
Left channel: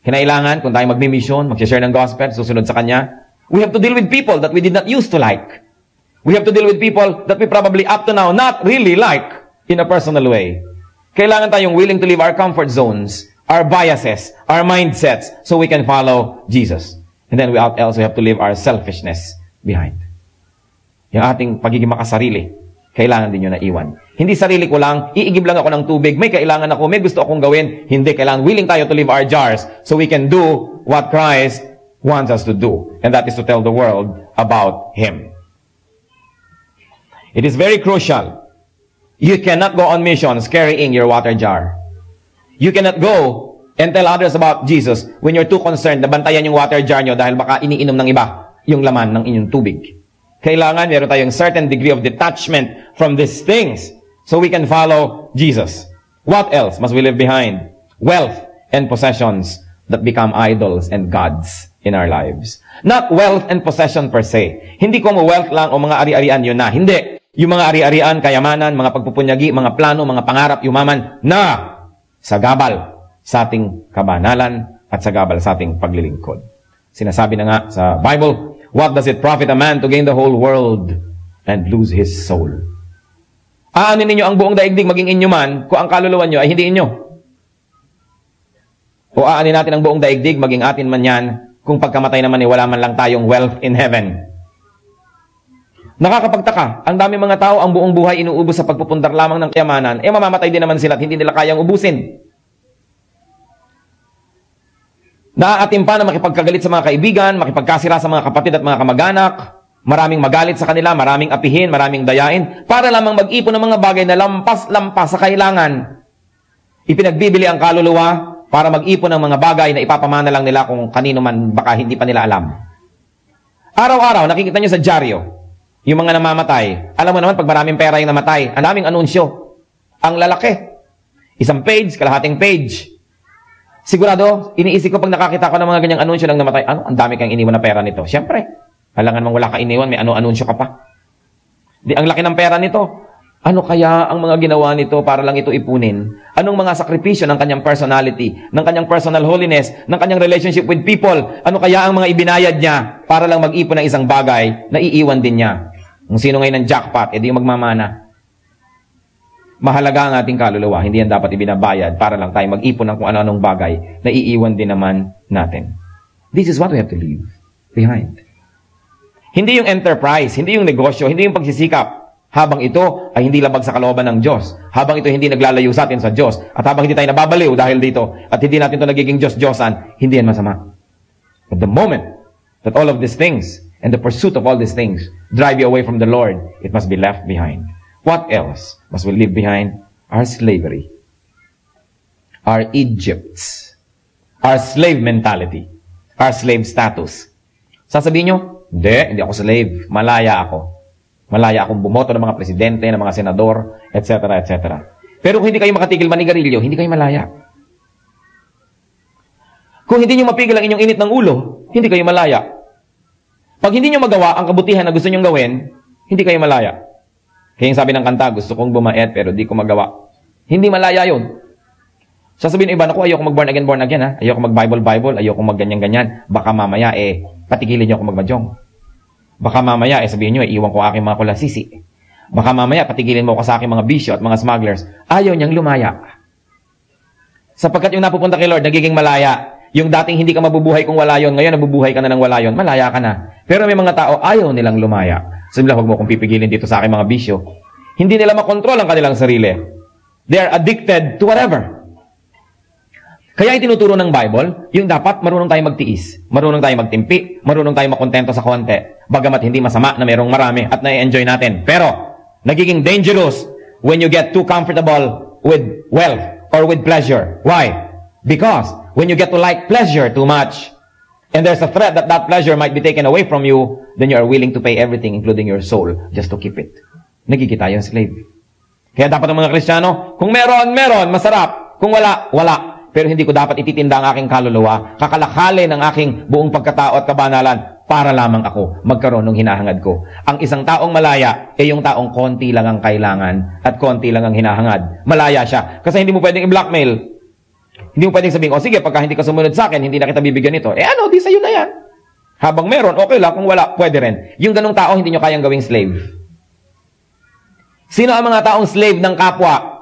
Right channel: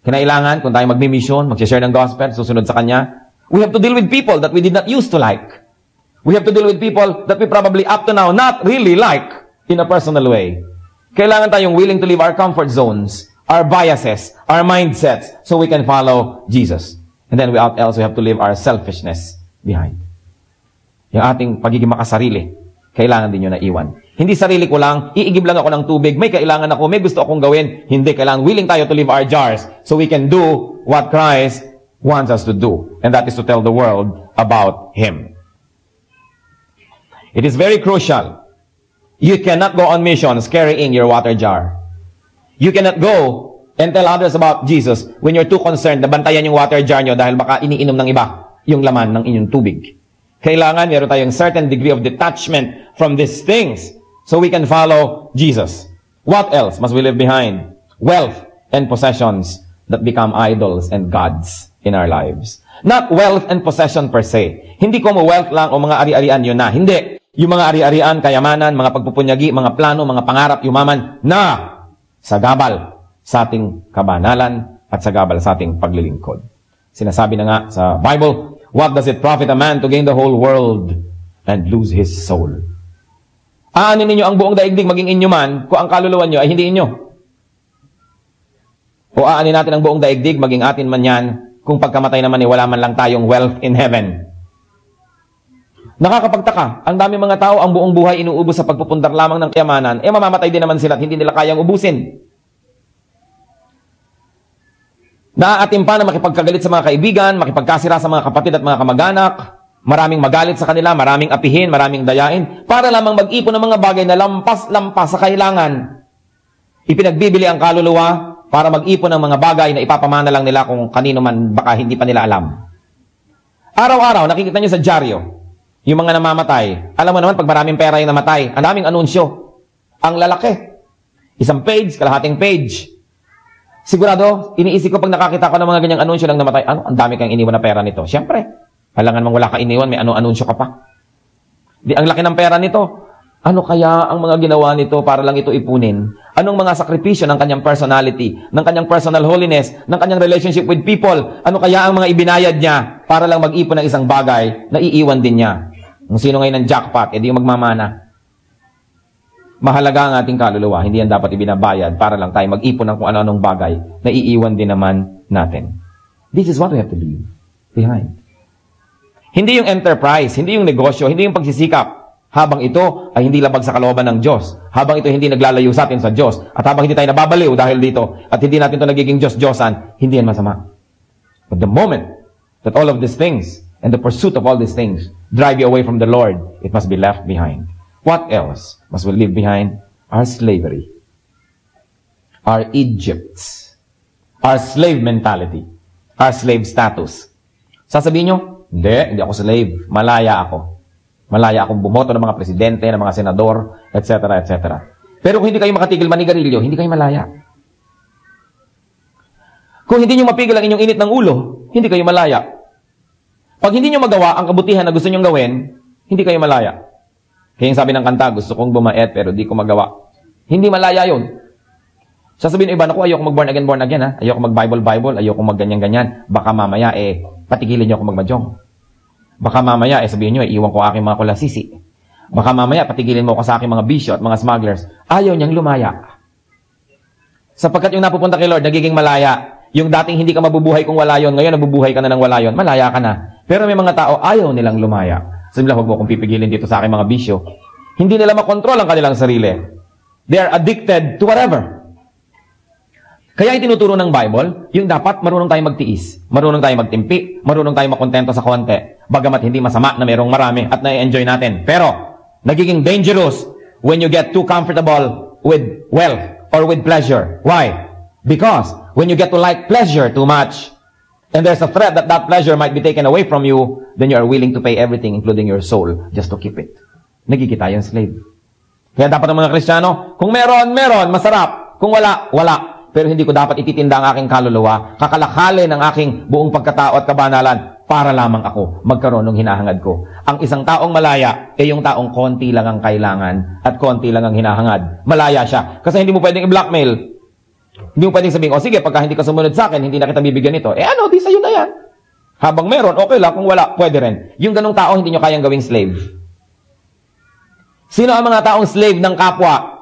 Kailangan, kung tayo magmi-mission, mag-share ng gospel, susunod sa Kanya, we have to deal with people that we did not used to like. We have to deal with people that we probably up to now not really like in a personal way. Kailangan tayong willing to leave our comfort zones, our biases, our mindsets, so we can follow Jesus. And then we also have to leave our selfishness behind. Yung ating pagiging makasarili, kailangan din yun na iwan. Hindi sarili ko lang, iigib lang ako ng tubig, may kailangan ako, may gusto akong gawin. Hindi, kailangan willing tayo to leave our jars so we can do what Christ wants us to do. And that is to tell the world about Him. It is very crucial. You cannot go on missions carrying your water jar. You cannot go and tell others about Jesus when you're too concerned na bantayan yung water jar nyo dahil baka iniinom ng iba yung laman ng inyong tubig. Kailangan meron tayong certain degree of detachment from these things so we can follow Jesus. What else must we leave behind? Wealth and possessions that become idols and gods in our lives. Not wealth and possession per se. Hindi ko wealth lang o mga ari-arian yun na. Hindi. Yung mga ari-arian, kayamanan, mga pagpupunyagi, mga plano, mga pangarap, yumaman na sagabal sa ating kabanalan at sagabal sa ating paglilingkod. Sinasabi na nga sa Bible, what does it profit a man to gain the whole world and lose his soul? Aanin ninyo ang buong daigdig maging inyo man kung ang kaluluwa nyo ay hindi inyo. O aanin natin ang buong daigdig maging atin man yan kung pagkamatay naman ay wala man lang tayong wealth in heaven. Nakakapagtaka, ang dami mga tao ang buong buhay inuubos sa pagpupundar lamang ng kayamanan, mamamatay din naman sila at hindi nila kayang ubusin. Naaatim pa na makipagkagalit sa mga kaibigan, makipagkasira sa mga kapatid at mga kamag-anak, maraming magalit sa kanila, maraming apihin, maraming dayain, para lamang mag-ipon ng mga bagay na lampas-lampas sa kailangan. Ipinagbibili ang kaluluwa para mag-ipon ng mga bagay na ipapamana lang nila kung kanino man baka hindi pa nila alam. Araw-araw, nakikita nyo sa dyaryo, yung mga namamatay. Alam mo naman, pag maraming pera yung namatay, ang daming anunsyo. Ang lalaki. Isang page, kalahating page. Sigurado, iniisip ko pag nakakita ko ng mga ganyang anunsyo ng namatay, ang dami kang iniwan na pera nito. Siyempre, alangan mong wala ka iniwan, may anunsyo ka pa. Di ang laki ng pera nito. Ano kaya ang mga ginawa nito para lang ito ipunin? Anong mga sakripisyo ng kanyang personality, ng kanyang personal holiness, ng kanyang relationship with people? Ano kaya ang mga ibinayad niya para lang mag-ipon ng isang bagay na iiwan din niya? Kung sino ngayon ng jackpot, edi yung magmamana. Mahalaga ang ating kaluluwa, hindi yan dapat ibinabayad para lang tayo mag-ipon ng kung ano-anong bagay na iiwan din naman natin. This is what we have to leave behind. Hindi yung enterprise, hindi yung negosyo, hindi yung pagsisikap. Habang ito ay hindi labag sa kalooban ng Diyos. Habang ito hindi naglalayo sa atin sa Diyos. At habang hindi tayo nababaliw dahil dito, at hindi natin ito nagiging Diyos-Diyosan, hindi yan masama. But the moment that all of these things and the pursuit of all these things drive you away from the Lord, it must be left behind. What else must we leave behind? Our slavery. Our Egypts. Our slave mentality. Our slave status. Sasabihin nyo, hindi ako slave. Malaya ako. Malaya akong bumoto ng mga presidente, ng mga senador, etc., etc. Pero kung hindi kayo makatigil manigarilyo, hindi kayo malaya. Kung hindi nyo mapigil ang inyong init ng ulo, hindi kayo malaya. Pag hindi nyo magawa ang kabutihan na gusto nyong gawin, hindi kayo malaya. Kaya yung sabi ng kanta, gusto kong bumait pero di ko magawa. Hindi malaya yun. Sasabihin ng iba, naku, ayoko mag-born again, ha? Ayoko mag-Bible, ayoko mag-ganyan-ganyan. Baka mamaya, patigilin nyo ako mag-madyong. Baka mamaya, sabihin nyo, iwan ko aking mga kulasisi. Baka mamaya, patigilin mo ako sa aking mga bisyo at mga smugglers. Ayaw niyang lumaya. Sapagkat yung napupunta kay Lord, nagiging malaya. Yung dating hindi ka mabubuhay kung wala yun, ngayon nabubuhay ka na ng wala yun, malaya ka na. Pero may mga tao, ayaw nilang lumaya. Sabi nila, huwag mo kong pipigilin dito sa aking mga bisyo. Hindi nila makontrol ang kanilang sarili. They are addicted to whatever. Kaya itinuturo ng Bible, yung dapat marunong tayong magtiis, marunong tayong magtimpi, marunong tayong makontento sa konti. Bagamat hindi masama na mayroong marami at na-enjoy natin. Pero, nagiging dangerous when you get too comfortable with wealth or with pleasure. Why? Because when you get to like pleasure too much and there's a threat that that pleasure might be taken away from you, then you are willing to pay everything, including your soul, just to keep it. Nagkikita yung slave. Kaya dapat ang mga Kristiyano, kung meron, masarap. Kung wala, wala. Pero hindi ko dapat ititinda ang aking kaluluwa, kakalakhalin ang aking buong pagkatao at kabanalan para lamang ako magkaroon ng hinahangad ko. Ang isang taong malaya ay yung taong konti lang ang kailangan at konti lang ang hinahangad. Malaya siya. Kasi hindi mo pwedeng i-blackmail. Hindi mo pwedeng sabihin, o sige, pagka hindi ko sumunod sa akin, hindi na kita bibigyan nito. Di sa'yo na yan. Habang meron, okay lang. Kung wala, pwede rin. Yung ganong tao, hindi nyo kayang gawing slave. Sino ang mga taong slave ng kapwa?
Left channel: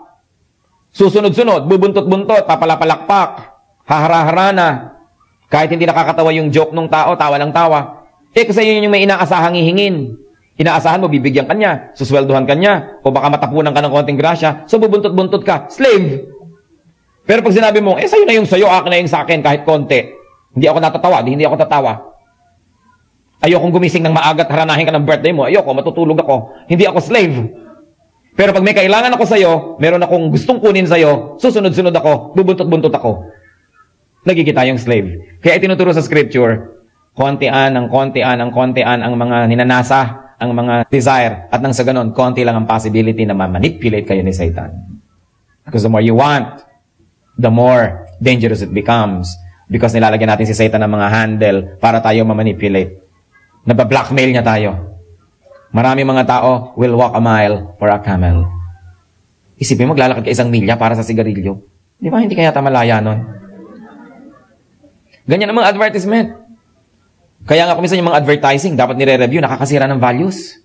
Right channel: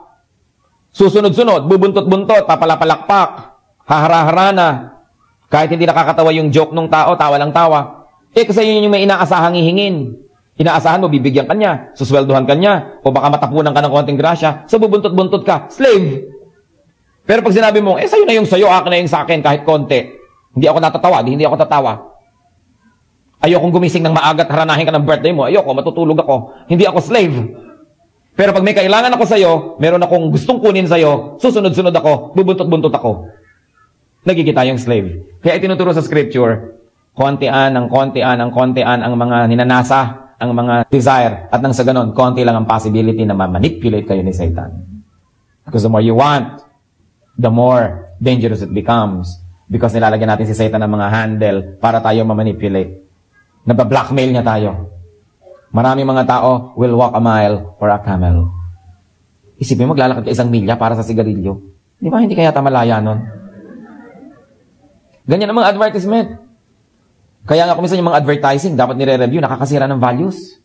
Susunod-sunod, bubuntot-buntot, papalapalakpak, hahara-harana. Kahit hindi nakakatawa yung joke ng tao, tawa lang tawa. Kasi yun yung may inaasahang hihingin. Inaasahan mo, bibigyan ka niya, susweldohan ka niya, o baka matapunan ka ng konting grasya, so bubuntot-buntot ka. Slave! Pero pag sinabi mo, sa'yo na yung sa'yo, akin na yung sa'kin, kahit konti. Hindi ako natatawa, hindi ako tatawa. Ayokong gumising ng maaga at haranahin ka ng birthday mo. Ayoko, matutulog ako. Hindi ako slave. Pero pag may kailangan ako sa'yo, meron akong gustong kunin sa'yo, susunod-sunod ako, bubuntot-buntot ako. Nagkikita yung slave. Kaya itinuturo sa scripture, kontian ang mga ninanasa, ang mga desire, at nang sa ganon, konti lang ang possibility na ma-manipulate kayo ni Satan. Because the more you want, the more dangerous it becomes. Because nilalagyan natin si Satan ng mga handle para tayo ma-manipulate. Nabablackmail niya tayo. Marami mga tao will walk a mile for a camel. Isipin mo, maglalakad ka 1 milya para sa sigarilyo. Di ba, hindi kaya malaya nun? Ganyan ang mga advertisement. Kaya nga kuminsan yung mga advertising, dapat nire-review, nakakasira ng values.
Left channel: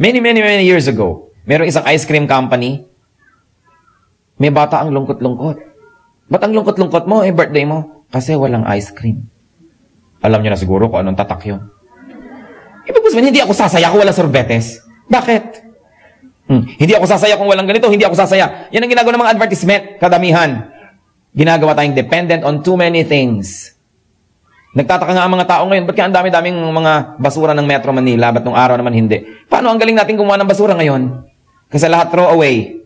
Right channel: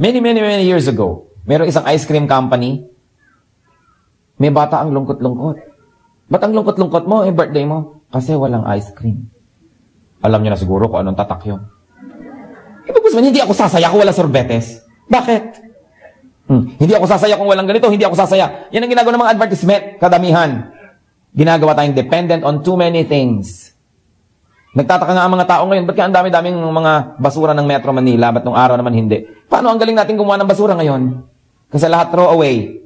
Many years ago, mayroong isang ice cream company, may bata ang lungkot-lungkot. Ba't ang lungkot-lungkot mo, birthday mo? Kasi walang ice cream. Alam niyo na siguro kung anong tatak yun. Ibig sabihin, hindi ako sasaya kung wala sorbetes. Bakit? Hindi ako sasaya kung walang ganito, hindi ako sasaya. Yan ang ginagawa ng mga advertisement, kadamihan. Ginagawa tayong dependent on too many things. Nagtataka nga ang mga tao ngayon, ba't kaya ang dami-daming mga basura ng Metro Manila, ba't nung araw naman hindi? Paano ang galing natin kumuha ng basura ngayon? Kasi lahat throw away.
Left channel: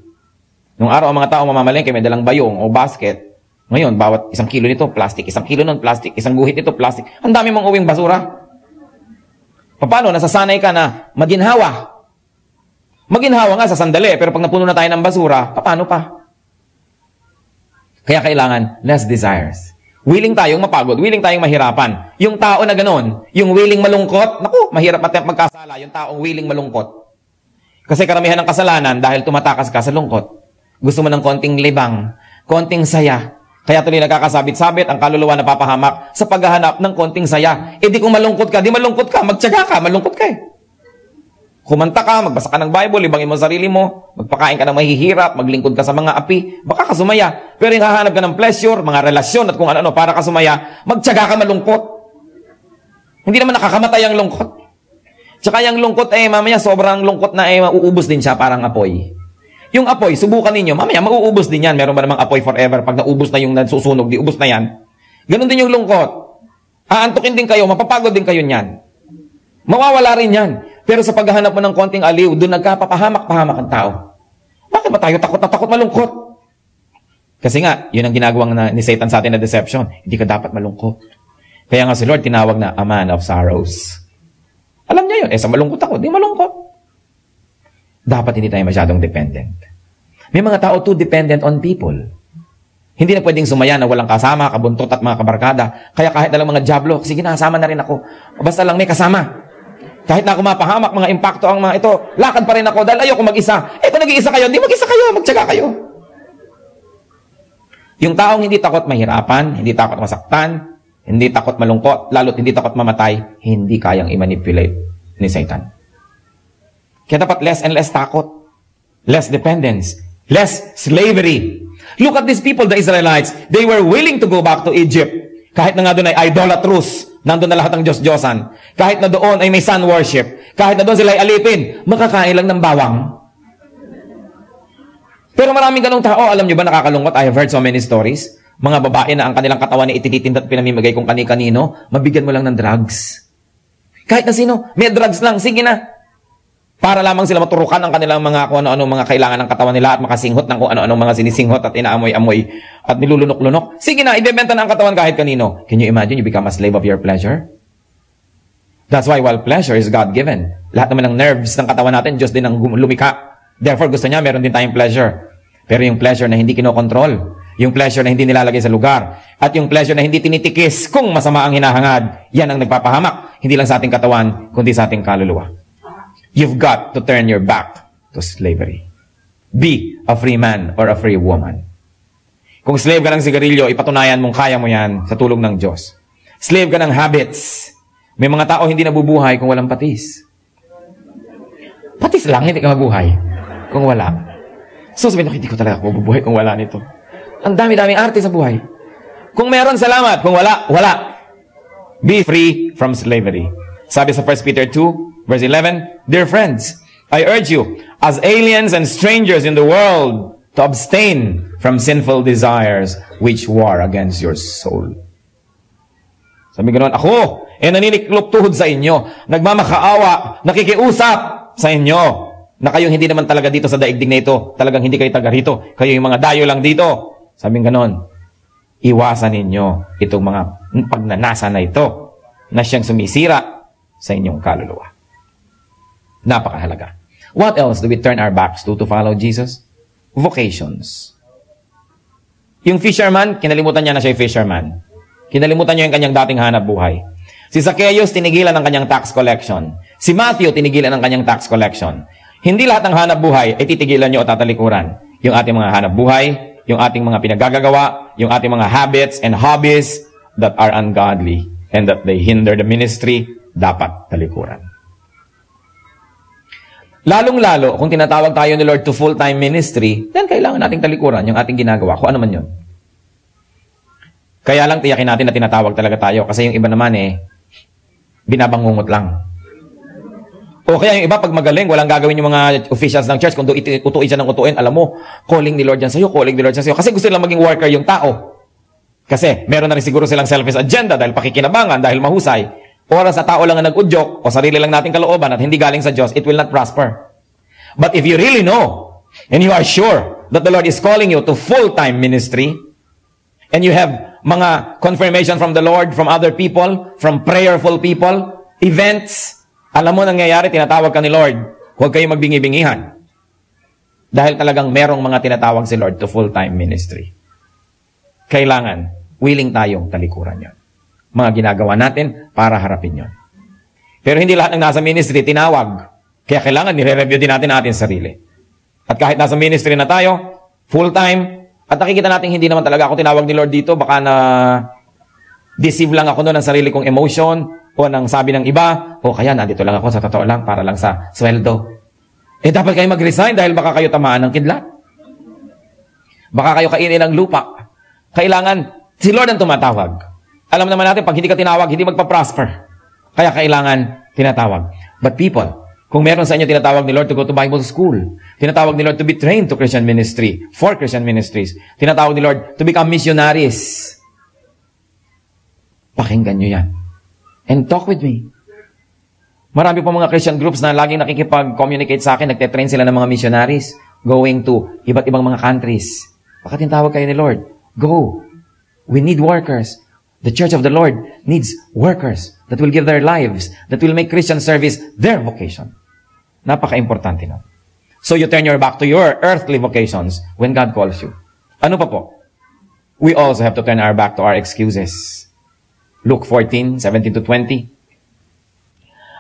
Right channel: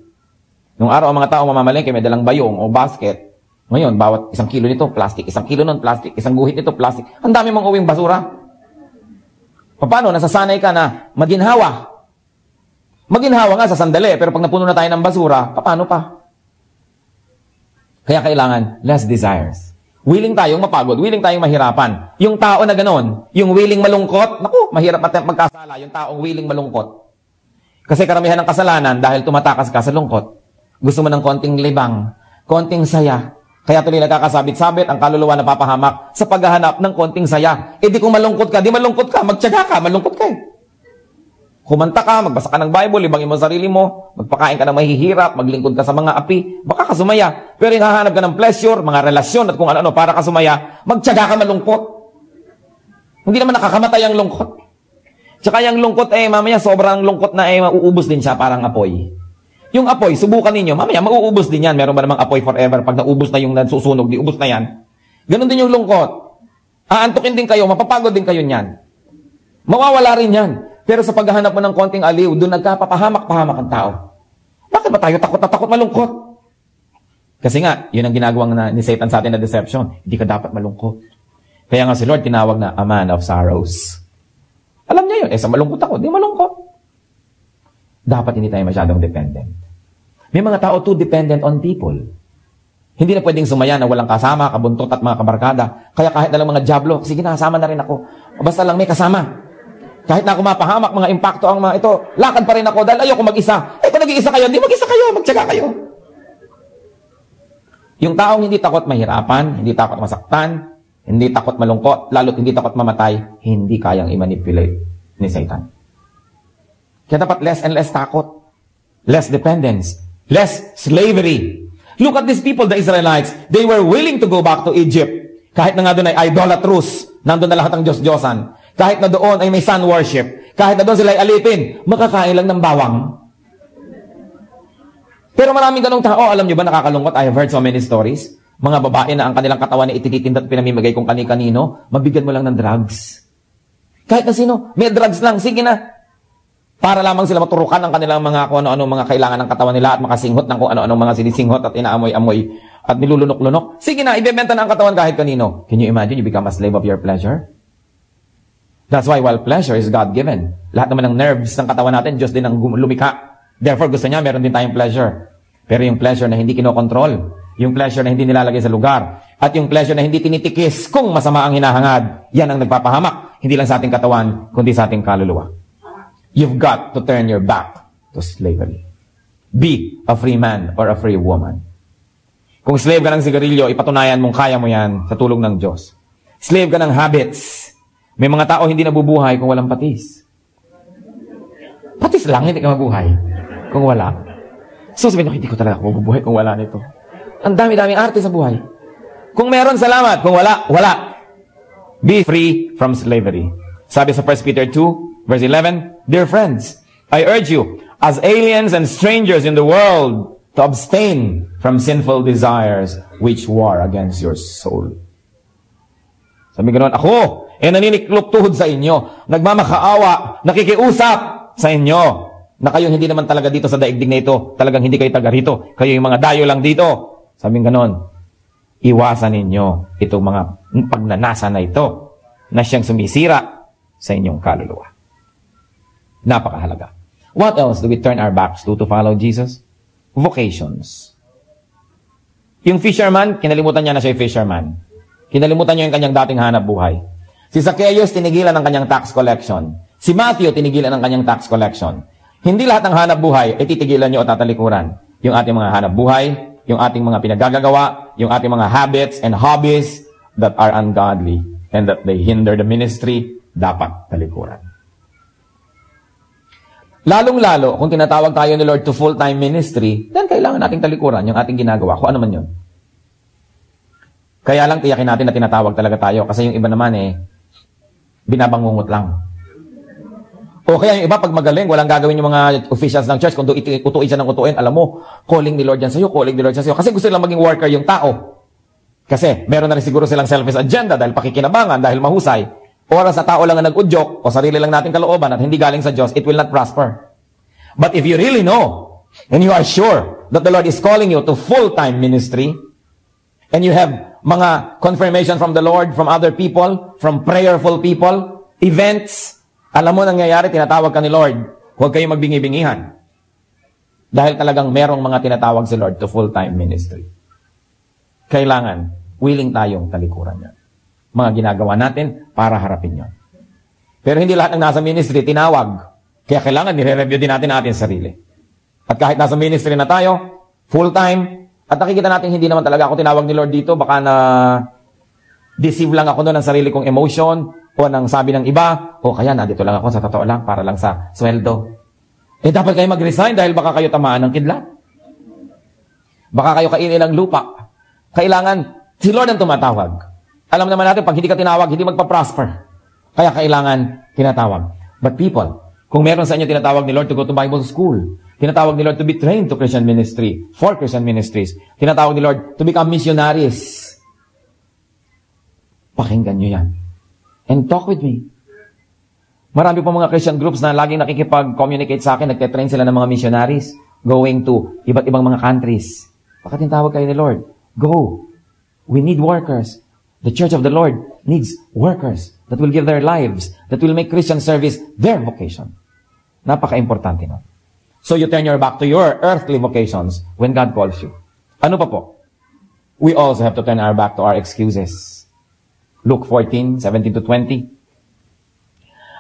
Nung araw ang mga tao mamamalengke, may dalang bayong o basket. Ngayon, bawat 1 kilo nito, plastic. 1 kilo nun, plastic. 1 guhit nito, plastic. Ang dami mong uwing basura. Paano? Nasasanay ka na maginhawa. Maginhawa nga sa sandali, pero pag napuno na tayo ng basura, paano pa? Kaya kailangan less desires. Willing tayong mapagod, willing tayong mahirapan. Yung tao na ganon, yung willing malungkot, mahirap magkasala, yung taong willing malungkot. Kasi karamihan ng kasalanan, dahil tumatakas ka sa lungkot, gusto mo ng konting libang, konting saya. Kaya tuloy nagkakasabit-sabit ang kaluluwa na papahamak sa paghahanap ng konting saya. Di kung malungkot ka, di malungkot ka, magtiyaga ka, malungkot ka Kumanta ka, magbasa ka ng Bible, libangin mo sarili mo, magpakain ka ng mahihirap, maglingkod ka sa mga api, baka ka sumaya. Pero yung hahanap ka ng pleasure, mga relasyon at kung ano para ka sumaya, magtiyaga ka malungkot. Hindi naman nakakamatay ang lungkot. Tsaka yung lungkot mamaya sobrang lungkot na mauubos din siya parang apoy. Yung apoy, subukan ninyo, mamaya mauubos din yan. Meron ba namang apoy forever? Pag naubos na yung nasusunog, di ubos na yan. Ganon din yung lungkot. Aantukin din kayo, mapapagod din kayo niyan. Mawawala rin yan. Pero sa paghahanap mo ng konting aliw, doon nagkapapahamak-pahamak ang tao. Bakit ba tayo takot na takot malungkot? Kasi nga, yun ang ginagawang ni Satan sa atin na deception. Hindi ka dapat malungkot. Kaya nga si Lord tinawag na a man of sorrows. Alam niya yun, sa malungkot ako, di malungkot. Dapat hindi tayo masyadong dependent. May mga tao too dependent on people. Hindi na pwedeng sumaya na walang kasama, kabuntot at mga kabarkada. Kaya kahit na lang mga jablo, sige na, kasama na rin ako. Basta lang may kasama. Kahit na ako mapahamak, mga impacto ang mga ito, lakad pa rin ako dahil ayoko mag-isa. Kung nag-iisa kayo, hindi mag-isa kayo, magtsaga kayo. Yung taong hindi takot mahirapan, hindi takot masaktan, hindi takot malungkot, lalo't hindi takot mamatay, hindi kayang i-manipulate ni Satan. Kaya dapat less and less takot, less dependence, less slavery. Look at these people, the Israelites, they were willing to go back to Egypt. Kahit na nga doon ay idolatrous, nandun na lahat ng Diyos-Diyosan. Kahit na doon ay may sun worship. Kahit na doon sila ay alipin, makakain lang ng bawang. Pero maraming ganong tao, alam nyo ba, nakakalungkot? I have heard so many stories. Mga babae na ang kanilang katawan ay itititinda at pinamimigay kung kani-kanino, mabigyan mo lang ng drugs. Kahit na sino, may drugs lang, sige na. Para lamang sila maturukan ng kanilang mga kung ano-anong mga kailangan ng katawan nila at makasinghot ng kung ano-anong mga sinisinghot at inaamoy-amoy. at nilulunok-lunok. Sige na, ibebenta na ang katawan kahit kanino. Can you imagine you become a slave of your pleasure? That's why while pleasure is God-given, lahat naman ng nerves ng katawan natin, Diyos din ang lumika. Therefore, gusto niya, meron din tayong pleasure. Pero yung pleasure na hindi kinokontrol, yung pleasure na hindi nilalagay sa lugar, at yung pleasure na hindi tinitikis kung masama ang hinahangad, yan ang nagpapahamak, hindi lang sa ating katawan, kundi sa ating kaluluwa. You've got to turn your back to slavery. Be a free man or a free woman. Kung slave ka ng sigarilyo, ipatunayan mong kaya mo yan sa tulong ng Diyos. Slave ka ng habits. May mga tao hindi nabubuhay kung walang patis. Patis lang, hindi ka mabuhay kung wala. So sabihin ko, hindi ko talaga mabubuhay kung wala nito. Ang dami-daming arte sa buhay. Kung meron, salamat. Kung wala, wala. Be free from slavery. Sabi sa 1 Peter 2, verse 11, Dear friends, I urge you, as aliens and strangers in the world, to abstain from sinful desires which war against your soul. Sabi ko ron, ako, naniniklop tuhod sa inyo, nagmamakaawa, nakikiusap sa inyo, na kayong hindi naman talaga dito sa daigdig na ito, talagang hindi kayo taga rito, kayo yung mga dayo lang dito. Sabi ko ganon, iwasan ninyo itong mga pagnanasa na ito, na siyang sumisira sa inyong kaluluwa. Napakahalaga. What else do we turn our backs to follow Jesus? Vocations. Yung fisherman, kinalimutan niya na siya yung fisherman. Kinalimutan niya yung kanyang dating hanap buhay. Si Zacchaeus, tinigilan ng kanyang tax collection. Si Matthew, tinigilan ng kanyang tax collection. Hindi lahat ng hanap buhay ay titigilan niyo o tatalikuran. Yung ating mga hanap buhay, yung ating mga pinagagagawa, yung ating mga habits and hobbies that are ungodly and that they hinder the ministry, dapat talikuran. Lalong-lalo, kung tinatawag tayo ni Lord to full-time ministry, then kailangan nating talikuran yung ating ginagawa, kung ano man yun. Kaya lang tiyakin natin na tinatawag talaga tayo, kasi yung iba naman binabangungot lang. O kaya yung iba, pag magaling, walang gagawin yung mga officials ng church, kung utuin siya ng utuin, alam mo, calling ni Lord yan sa'yo, calling ni Lord yan sa'yo, kasi gusto nilang maging worker yung tao. Kasi meron na rin siguro silang selfish agenda dahil pakikinabangan, dahil mahusay. Oras sa tao lang ang nag-udyok, o sarili lang nating kalooban at hindi galing sa Diyos, it will not prosper. But if you really know, and you are sure that the Lord is calling you to full-time ministry, and you have mga confirmation from the Lord, from other people, from prayerful people, events, alam mo nangyayari, tinatawag ka ni Lord, huwag kayong magbingi-bingihan. Dahil talagang merong mga tinatawag si Lord to full-time ministry. Kailangan, willing tayong talikuran yon. Mga ginagawa natin para harapin yon. Pero hindi lahat ng nasa ministry tinawag. Kaya kailangan nire-review din natin ating sarili. At kahit nasa ministry na tayo, full-time, at nakikita natin hindi naman talaga ako tinawag ni Lord dito, baka na deceive lang ako doon ng sarili kong emotion, o ng sabi ng iba, o kaya nandito lang ako sa totoo lang, para lang sa sweldo. Dapat kayo mag-resign dahil baka kayo tamaan ng kidlat. Baka kayo kainin ng lupa. Kailangan, si Lord ang tumatawag. Alam naman natin, pag hindi ka tinawag, hindi magpa-prosper. Kaya kailangan tinatawag. But people, kung meron sa inyo tinatawag ni Lord to go to Bible school, tinatawag ni Lord to be trained to Christian ministry, for Christian ministries, tinatawag ni Lord to become missionaries. Pakinggan nyo yan. And talk with me. Marami po mga Christian groups na laging nakikipag-communicate sa akin, nagtitrain sila ng mga missionaries going to iba't ibang mga countries. Baka tinatawag kayo ni Lord. Go. We need workers. The church of the Lord needs workers that will give their lives, that will make Christian service their vocation. Napaka-importante na. So you turn your back to your earthly vocations when God calls you. Ano pa po? We also have to turn our back to our excuses. Luke 14:17-20.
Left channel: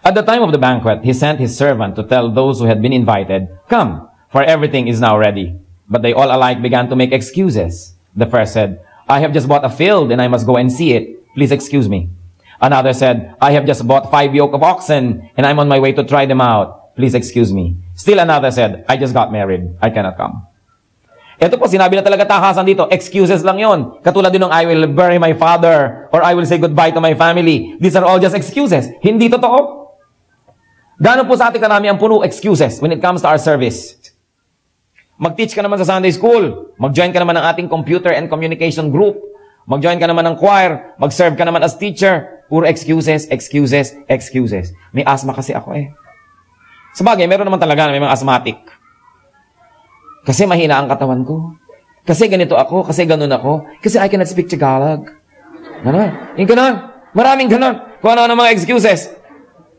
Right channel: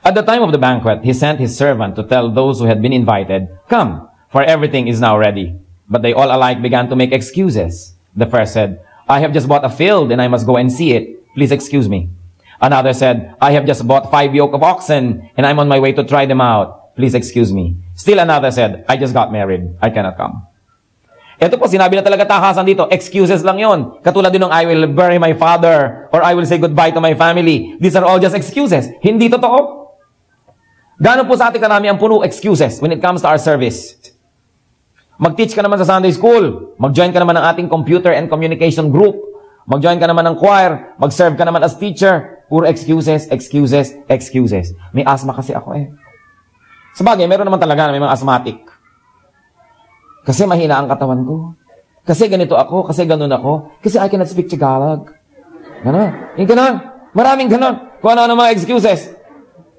At the time of the banquet, he sent his servant to tell those who had been invited, "Come, for everything is now ready." But they all alike began to make excuses. The first said, "I have just bought a field and I must go and see it. Please excuse me." Another said, "I have just bought 5 yoke of oxen and I'm on my way to try them out. Please excuse me." Still another said, "I just got married. I cannot come." Ito po, sinabi na talaga takasan dito. Excuses lang yon. Katulad din ng I will bury my father or I will say goodbye to my family. These are all just excuses. Hindi totoo. Gano'n po sa ating karami ang puno excuses when it comes to our service. Mag-teach ka naman sa Sunday school. Mag-join ka naman ng ating computer and communication group. Mag-join ka naman ng choir. Mag-serve ka naman as teacher. Puro excuses, excuses, excuses. May asthma kasi ako Sabagay, meron naman talaga na may mga asthmatic. Kasi mahina ang katawan ko. Kasi ganito ako, kasi ganun ako, kasi I cannot speak Tagalog. Ganon. Yung ganon. Maraming ganon. Kung ano mga excuses.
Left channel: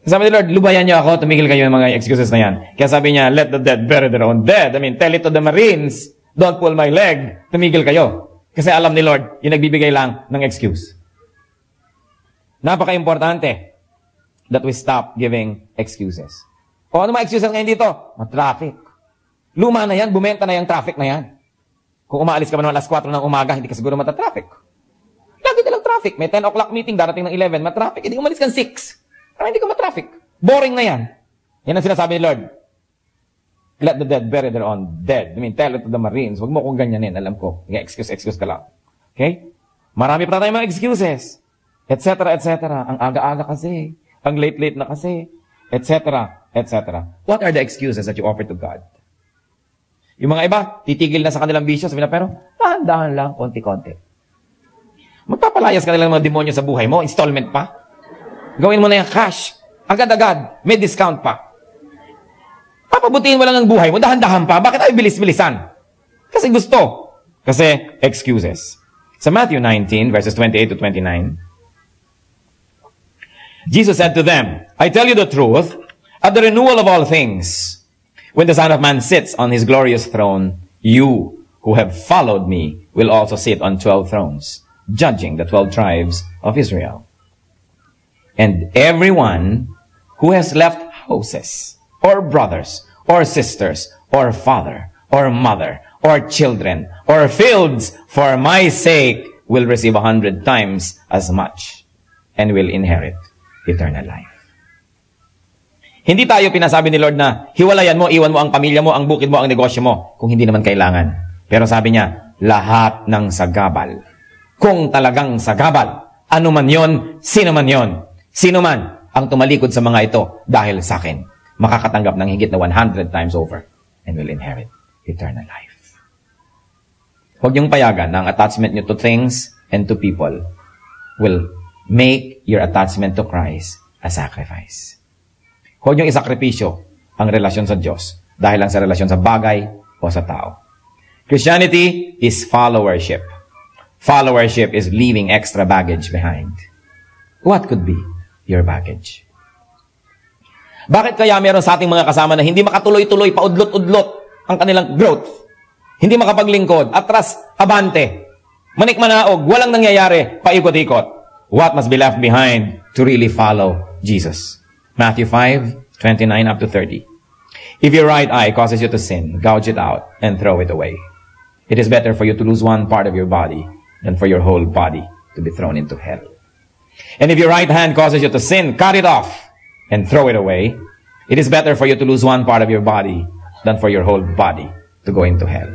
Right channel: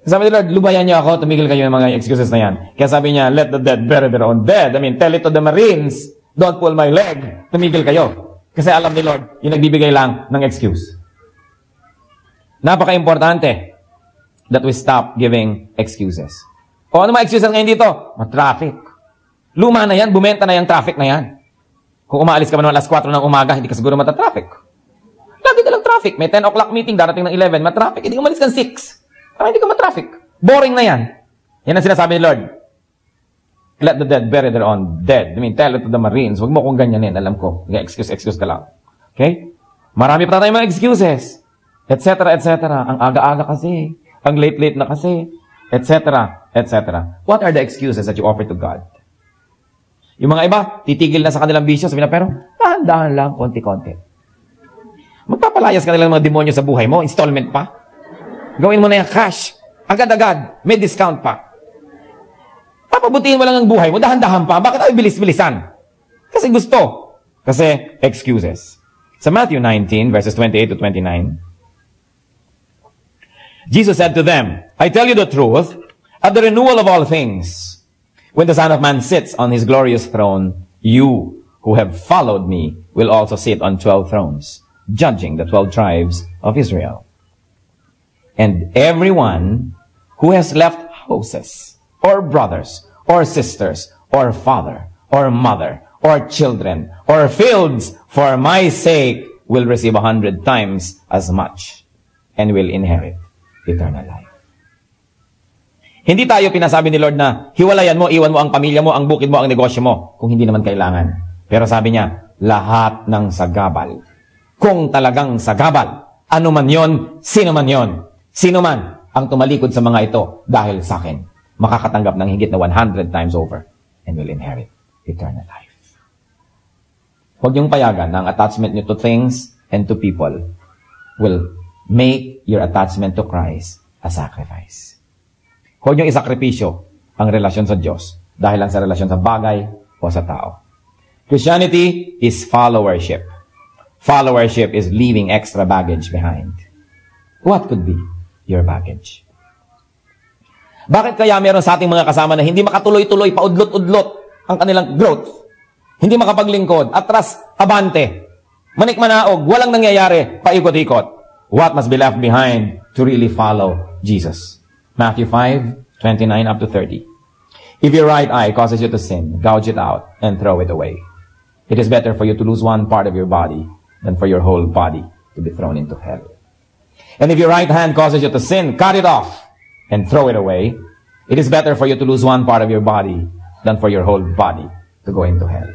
Sabi ni Lord, lubayan niyo ako, tumigil kayo ng mga excuses na yan. Kaya sabi niya, let the dead bury their own dead. I mean, tell it to the Marines, don't pull my leg. Tumigil kayo. Kasi alam ni Lord, yung nagbibigay lang ng excuse. Napaka-importante that we stop giving excuses. O ano mga excuses ngayon dito? Traffic. Luma na yan, bumenta na yan, traffic na yan. Kung umaalis ka ba naman alas 4 ng umaga, hindi ka siguro mata-traffic. Lagi na lang traffic. May 10 o'clock meeting, darating ng 11, matraffic. Hindi ka umalis ka 6. Hindi ka matraffic. Boring na yan. Yan ang sinasabi ni Lord. Let the dead bury their own dead. I mean, tell it to the Marines. Huwag mo kong ganyanin. Alam ko. Excuse ka lang. Okay? Marami pa tayong mga excuses. Etc. Ang aga-aga kasi. Ang late-late na kasi. Etc. What are the excuses that you offer to God? Yung mga iba, titigil na sa kanilang bisyo. Sabi na, pero, dahan-dahan lang, konti-konti. Magpapalayas ka na lang mga demonyo sa buhay mo. Installment pa. Gawin mo na yung cash. Agad-agad. May discount pa. Papabutiin mo lang ang buhay mo. Dahan-dahan pa. Bakit tayo bilis-bilisan? Kasi gusto. Kasi excuses. Sa Matthew 19, verses 28 to 29, Jesus said to them, I tell you the truth, at the renewal of all things, when the Son of Man sits on his glorious throne, you who have followed me will also sit on 12 thrones, judging the 12 tribes of Israel. And everyone who has left houses, or brothers, or sisters, or father, or mother, or children, or fields, for my sake, will receive 100 times as much, and will inherit eternal life. Hindi tayo pinasabi ni Lord na, hiwalayan mo, iwan mo ang pamilya mo, ang bukid mo, ang negosyo mo, kung hindi naman kailangan. Pero sabi niya, lahat ng sagabal. Kung talagang sagabal, ano man yon, sino man yon, sino man ang tumalikod sa mga ito dahil sa akin, makakatanggap ng higit na 100 times over and will inherit eternal life. Huwag niyong payagan na ang attachment niyo to things and to people will make your attachment to Christ a sacrifice. Huwag niyong isakripisyo ang relasyon sa Diyos dahil lang sa relasyon sa bagay o sa tao. Christianity is followership. Followership is leaving extra baggage behind. What could be your baggage? Bakit kaya meron sa ating mga kasama na hindi makatuloy-tuloy, paudlot-udlot ang kanilang growth? Hindi makapaglingkod, atras, abante, manikmanaog, walang nangyayari, paikot-ikot. What must be left behind to really follow Jesus? Matthew 5:29 up to 30. If your right eye causes you to sin, gouge it out and throw it away. It is better for you to lose one part of your body than for your whole body to be thrown into hell. And if your right hand causes you to sin, cut it off and throw it away. It is better for you to lose one part of your body than for your whole body to go into hell.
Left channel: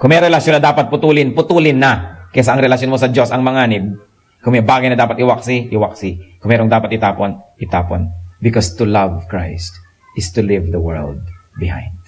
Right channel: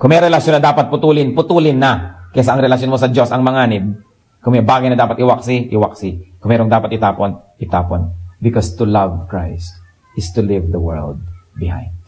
Kung may relasyon na dapat putulin, putulin na. Kesa ang relasyon mo sa Diyos ang manganib. Kung may bagay na dapat iwaksi, iwaksi. Kung mayroong dapat itapon, itapon. Because to love Christ is to leave the world behind.